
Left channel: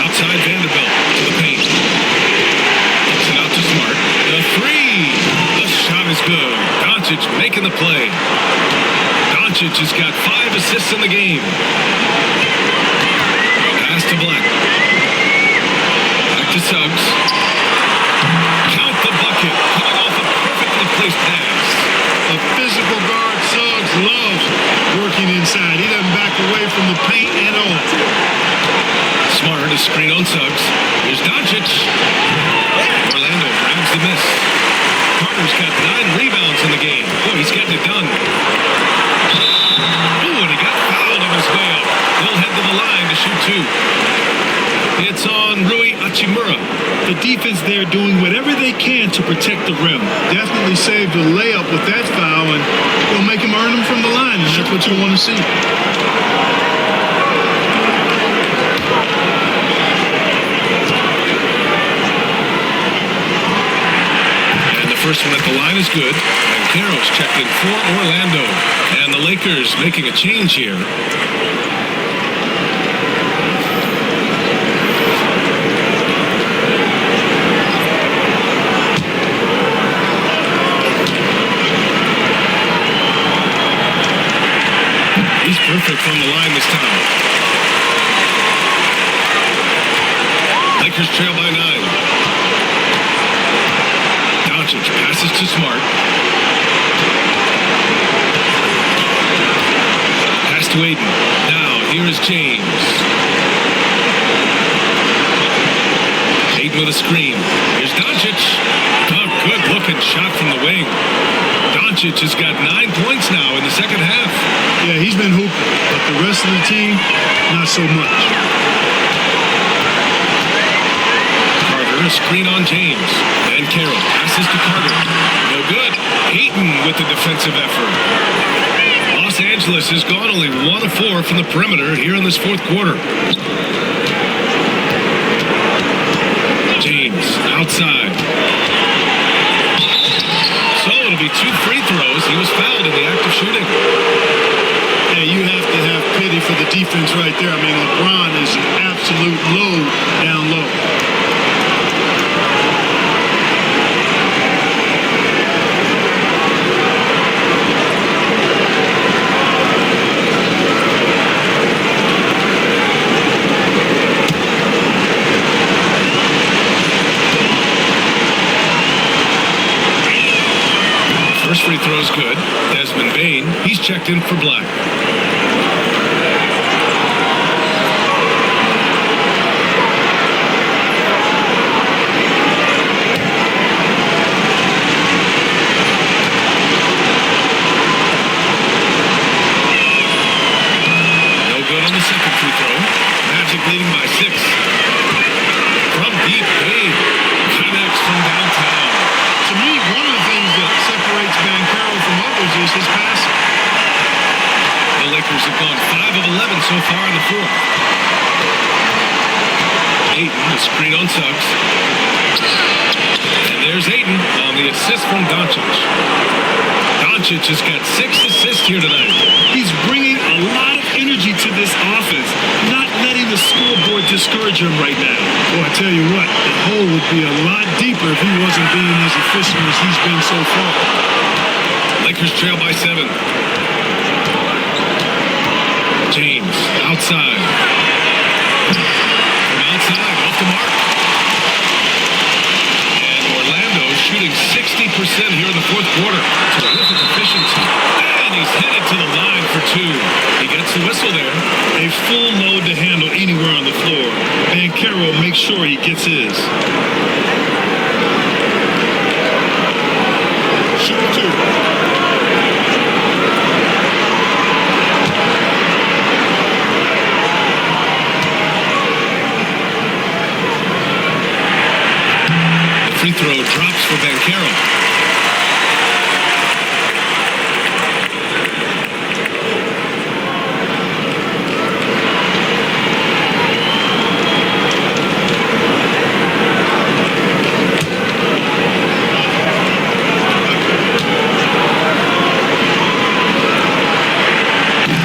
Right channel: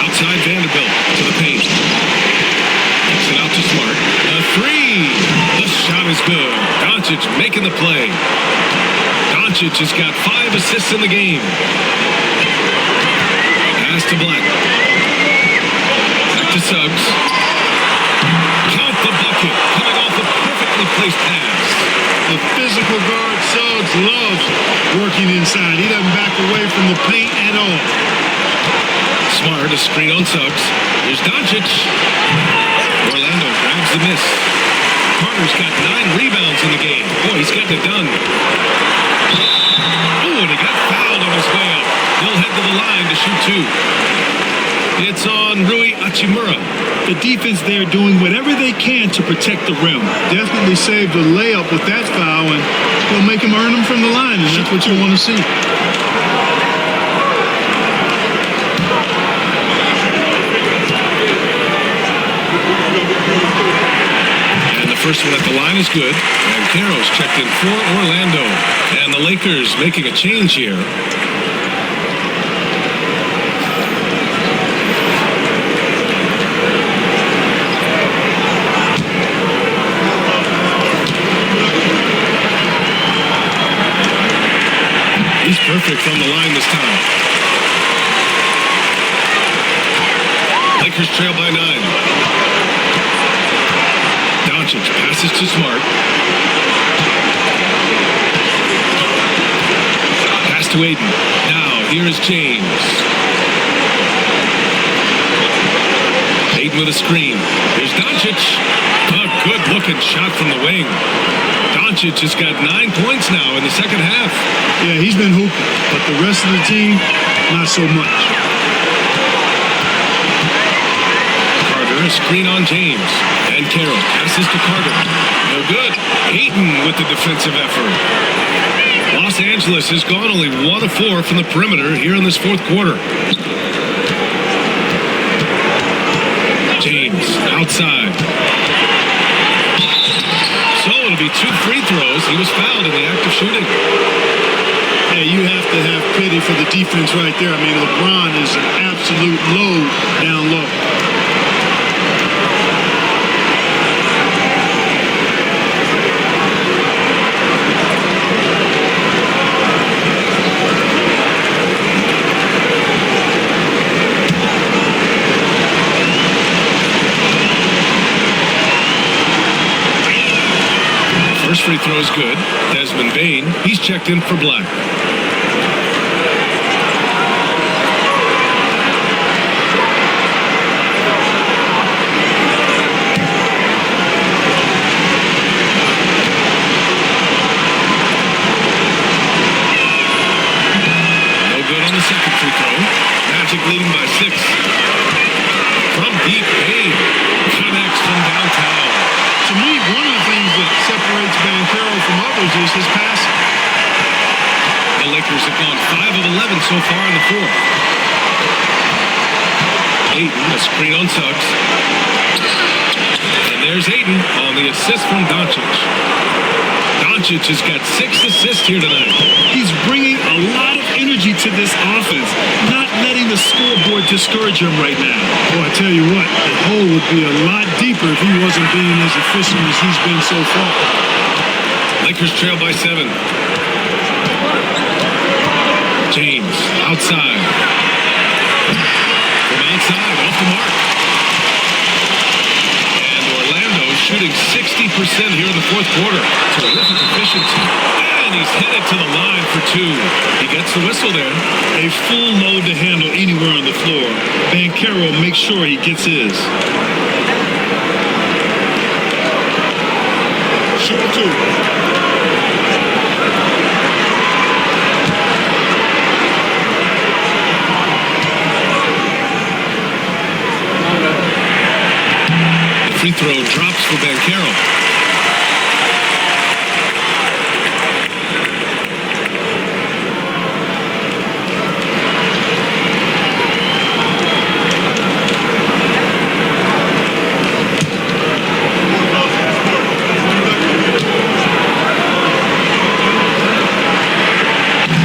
Outside Vanderbilt to the paint. Kicks it out to Smart. The 3. The shot is good. Doncic making the play. Doncic has got 5 assists in the game. Pass to Black. Back to Suggs. Count the bucket. Coming off a perfectly placed pass. A physical guard, Suggs loves working inside. He doesn't back away from the paint at all. Smart, a screen on Suggs. Here's Doncic. Orlando grabs the miss. Carter's got 9 rebounds in the game. Boy, he's getting it done. Oh, and he got fouled on his way up. He'll head to the line to shoot 2. It's on Rui Hachimura. The defense there doing whatever they can to protect the rim. Definitely saved a layup with that foul, and he'll make him earn them from the line, and that's what you want to see. And the first one at the line is good. And Caro's checked in for Orlando. And the Lakers making a change here. He's perfect from the line this time. Lakers trail by 9. Doncic passes to Smart. Pass to Aiden. Now, here is James. Aiden with a screen. Here's Doncic. A good-looking shot from the wing. Doncic has got 9 points now in the second half. Yeah, he's been hooping, but the rest of the team, not so much. Carter, a screen on James. And Carroll passes to Carter. No good. Ayton with the defensive effort. Los Angeles has gone only 1 of 4 from the perimeter here in this fourth quarter. James outside. So it'll be 2 free throws. He was fouled in the act of shooting. Yeah, you have to have pity for the defense right there. I mean, LeBron is an absolute load down low. First free throw is good. Desmond Bane, he's checked in for Black. No good on the second free throw. Magic leading by 6. From deep, Bane connects from downtown. To me, one of the things that separates Banchero from others is his passing. The Lakers have gone 5 of 11 so far in the fourth. Ayton, a screen on Suggs. And there's Ayton on the assist from Doncic. Doncic has got 6 assists here tonight. He's bringing a lot of energy to this offense, not letting the scoreboard discourage him right now. Well, I tell you what, the hole would be a lot deeper if he wasn't being as efficient as he's been so far. Lakers trail by 7. James, outside. From outside, off the mark. And Orlando shooting 60% here in the fourth quarter. Terrific efficiency. And And he's headed to the line for two. He gets the whistle there. A full load to handle anywhere on the floor. Banchero makes sure he gets his. Shooting two. The free throw drops for Banchero.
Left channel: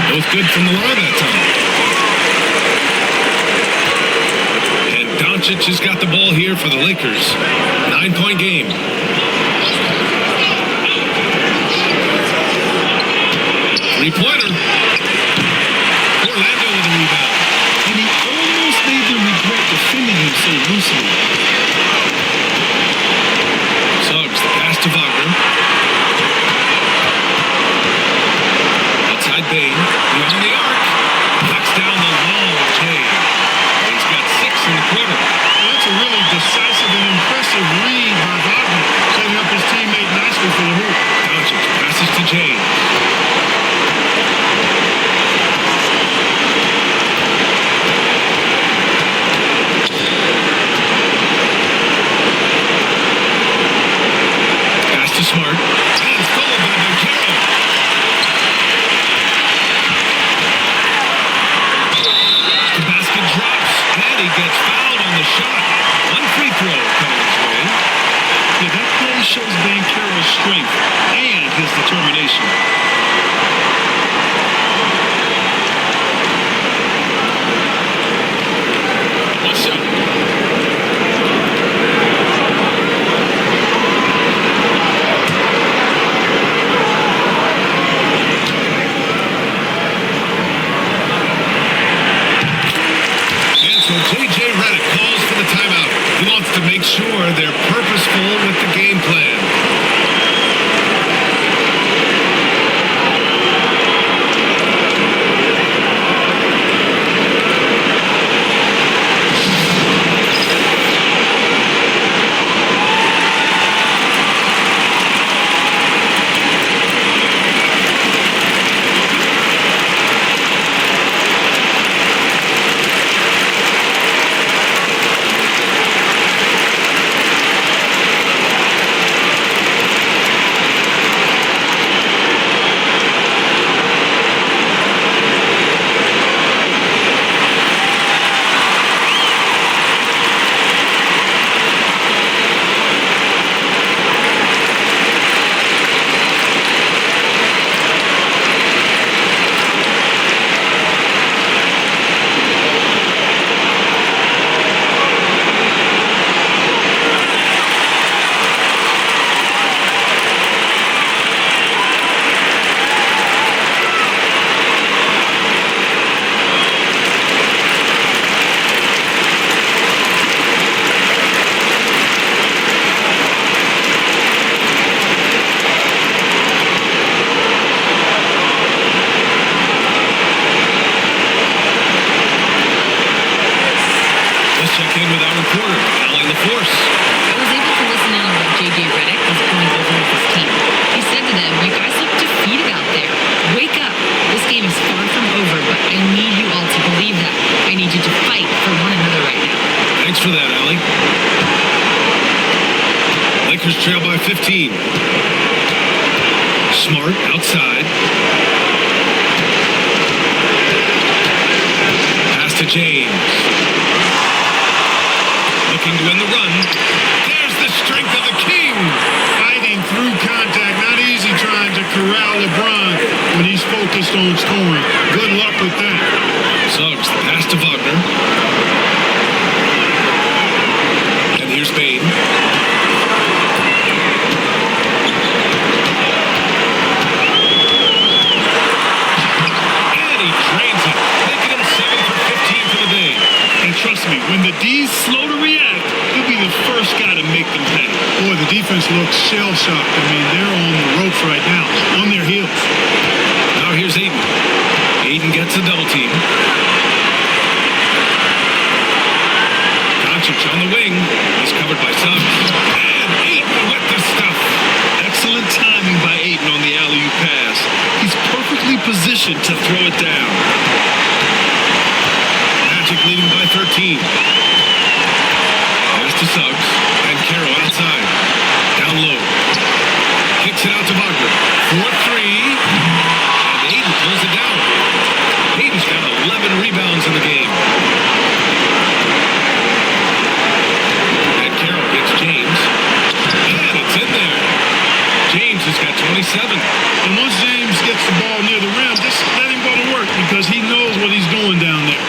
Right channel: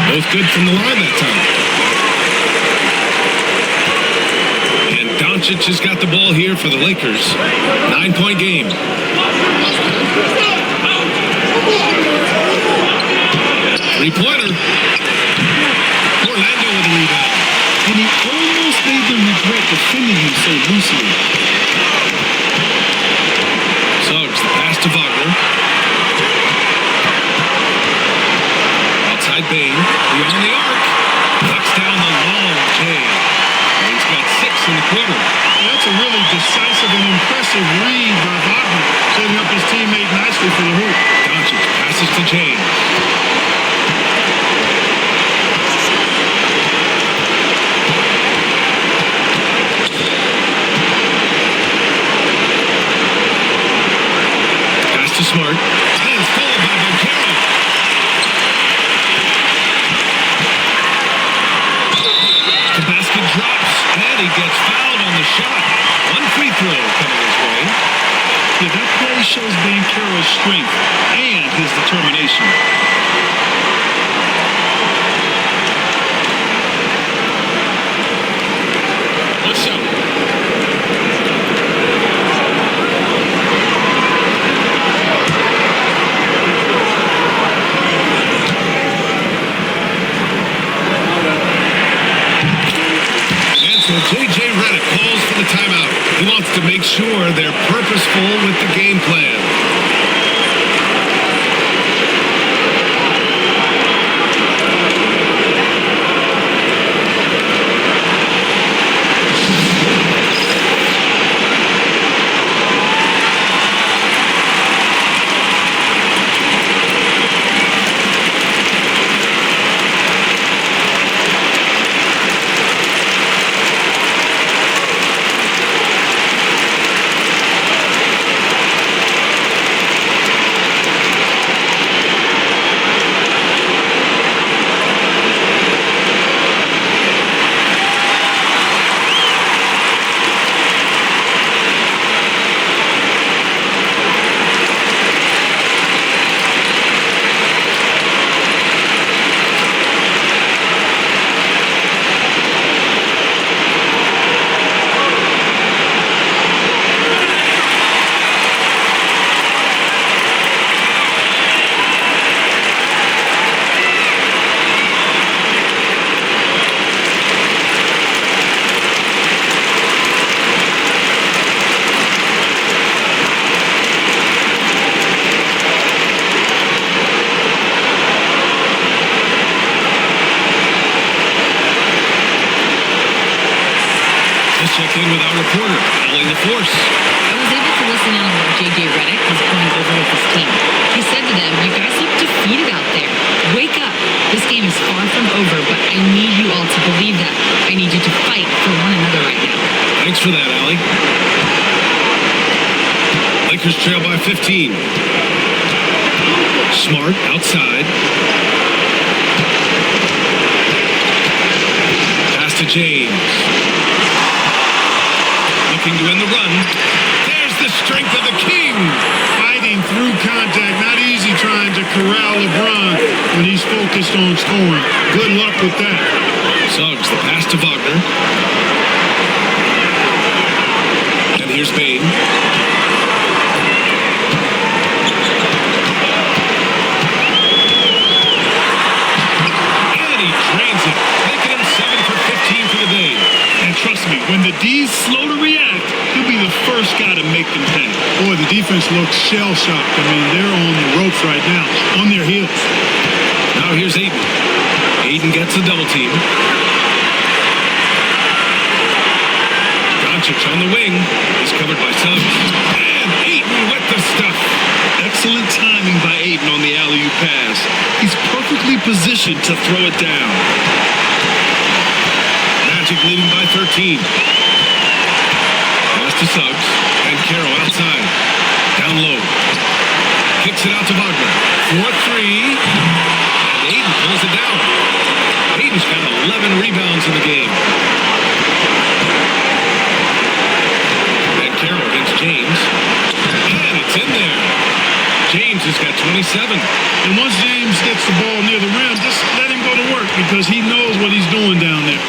Both good from the line that time. And Doncic has got the ball here for the Lakers. 9-point game. Three-pointer. Orlando with the rebound. And he almost made them regret defending him so loosely. Suggs, the pass to Wagner. Outside Bane, beyond the arc, knocks down the long J. Bane's got 6 in the quarter. Well, that's a really decisive and impressive read by Wagner, setting up his teammate nicely for the hoop. Doncic passes to James. Pass to Smart, and stolen by Banchero. The basket drops, and he gets fouled on the shot. One free throw coming his way. Yeah, that play shows Banchero's strength and his determination. One shot. So J.J. Redick calls for the timeout. He wants to make sure they're purposeful with the game plan. Let's check in with our reporter, Allie LaForce. I was able to listen in on what J.J. Redick was going over with his team. He said to them, "You guys look defeated out there. Wake up. This game is far from over, but I need you all to believe that. I need you to fight for one another right now." Thanks for that, Allie. Lakers trail by 15. Smart outside. Pass to James. Looking to win the run. There's the strength of the King. Fighting through contact. Not easy trying to corral LeBron when he's focused on scoring. Good luck with that. Suggs, the pass to Wagner. And here's Bane. And he drains it, making him 7 for 15 for the day. And trust me, when the D's slow to react, he'll be the first guy to make them pay. Boy, the defense looks shell-shocked. I mean, they're on the ropes right now, on their heels. Now here's Ayton. Ayton gets the double team. Doncic on the wing. He's covered by Suggs. And Ayton with the stuff. Excellent timing by Ayton on the alley-oop pass. He's perfectly positioned to throw it down. Magic leading by 13. Pass to Suggs. And Caro outside. Down low. Kicks it out to Wagner. 4-3. And Ayton pulls it down. Ayton's got 11 rebounds in the game. And Caro against James. And it's in there. James has got 27. And once James gets the ball near the rim, just let him go to work because he knows what he's doing down there.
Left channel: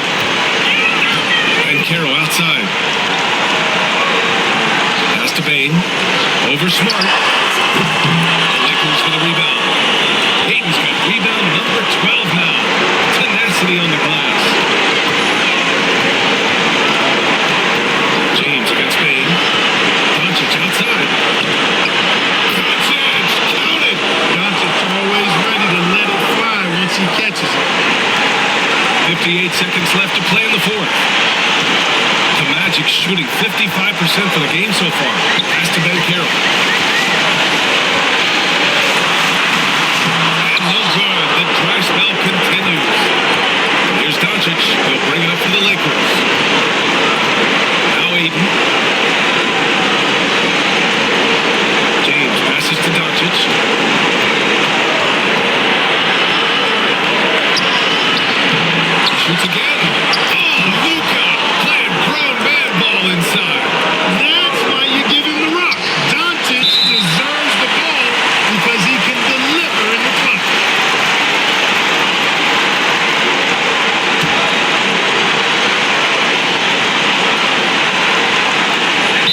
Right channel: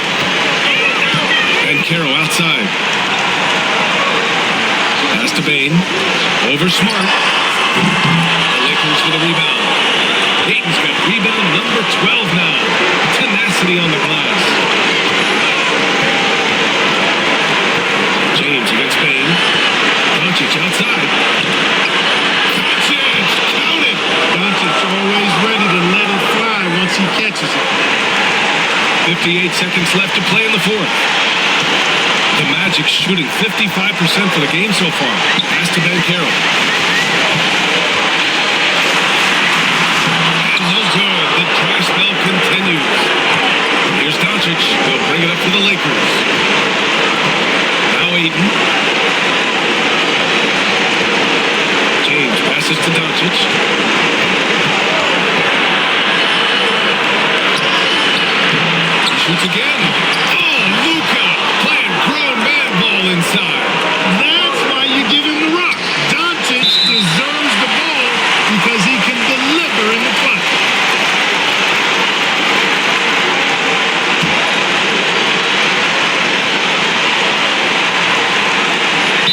And Caro outside. Pass to Bane. Over Smart. The Lakers with a rebound. Ayton's got rebound number 12 now. Tenacity on the glass. James against Bane. Doncic outside. Doncic counted. Doncic always ready to let it fly once he catches it. 58 seconds left to play in the fourth. The Magic shooting 55% for the game so far. Pass to Ben Caro. And no good. The dry spell continues. And here's Doncic. He'll bring it up for the Lakers. Now Ayton. James passes to Doncic. He shoots again. Oh, Luka playing grown man ball inside. That's why you give him the rock. Doncic deserves the ball because he can deliver in the clutch.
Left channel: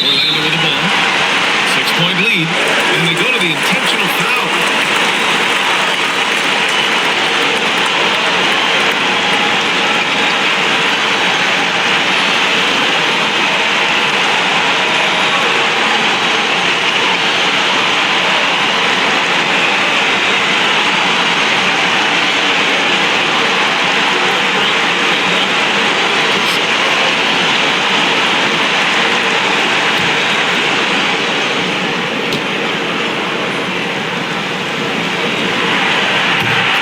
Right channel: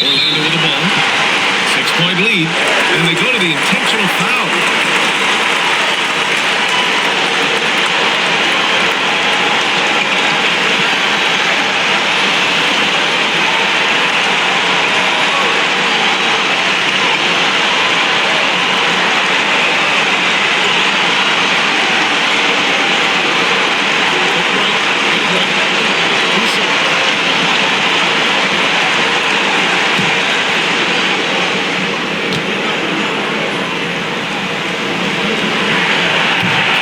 Orlando with the ball. 6-point lead. And they go to the intentional foul. Take a break. 2 shots.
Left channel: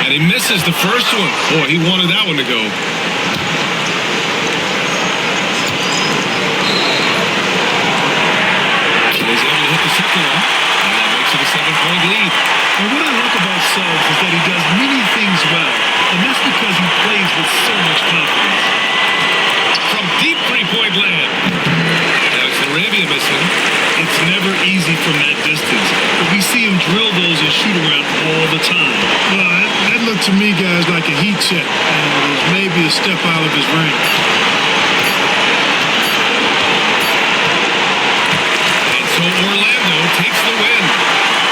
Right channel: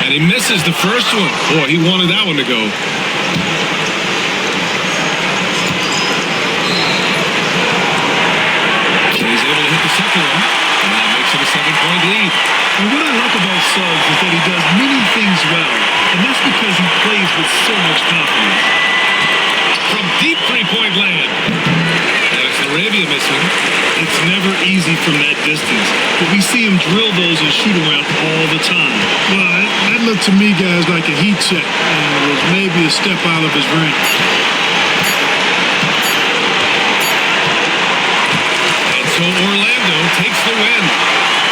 And he misses the first one. Boy, he wanted that one to go. And he's able to hit the second one. And that makes it a 7-point lead. And what I like about Suggs is that he does many things well. And that's because he plays with so much confidence. From deep three-point land. And it's Laravia missing. It's never easy from that distance, but we see him drill those and shoot around all the time. Well, that looked to me, guys, like a heat check and was maybe a step out of his range. And so Orlando takes the win.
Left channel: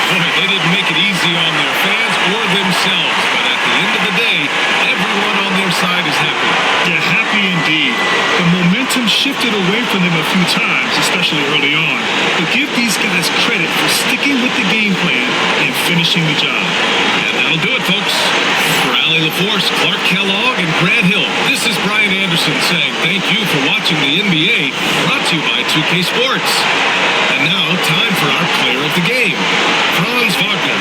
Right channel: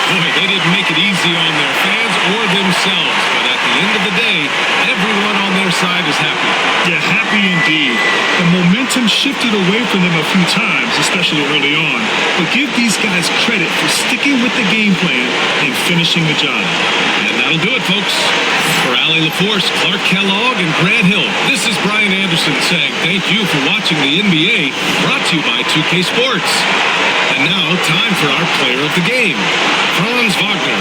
Boy, they didn't make it easy on their fans or themselves, but at the end of the day, everyone on their side is happy. Yeah, happy indeed. The momentum shifted away from them a few times, especially early on. But give these guys credit for sticking with the game plan and finishing the job. And that'll do it, folks. For Allie LaForce, Clark Kellogg, and Grant Hill, this is Brian Anderson saying thank you for watching the NBA, brought to you by 2K Sports. And now, time for our player of the game, Franz Wagner.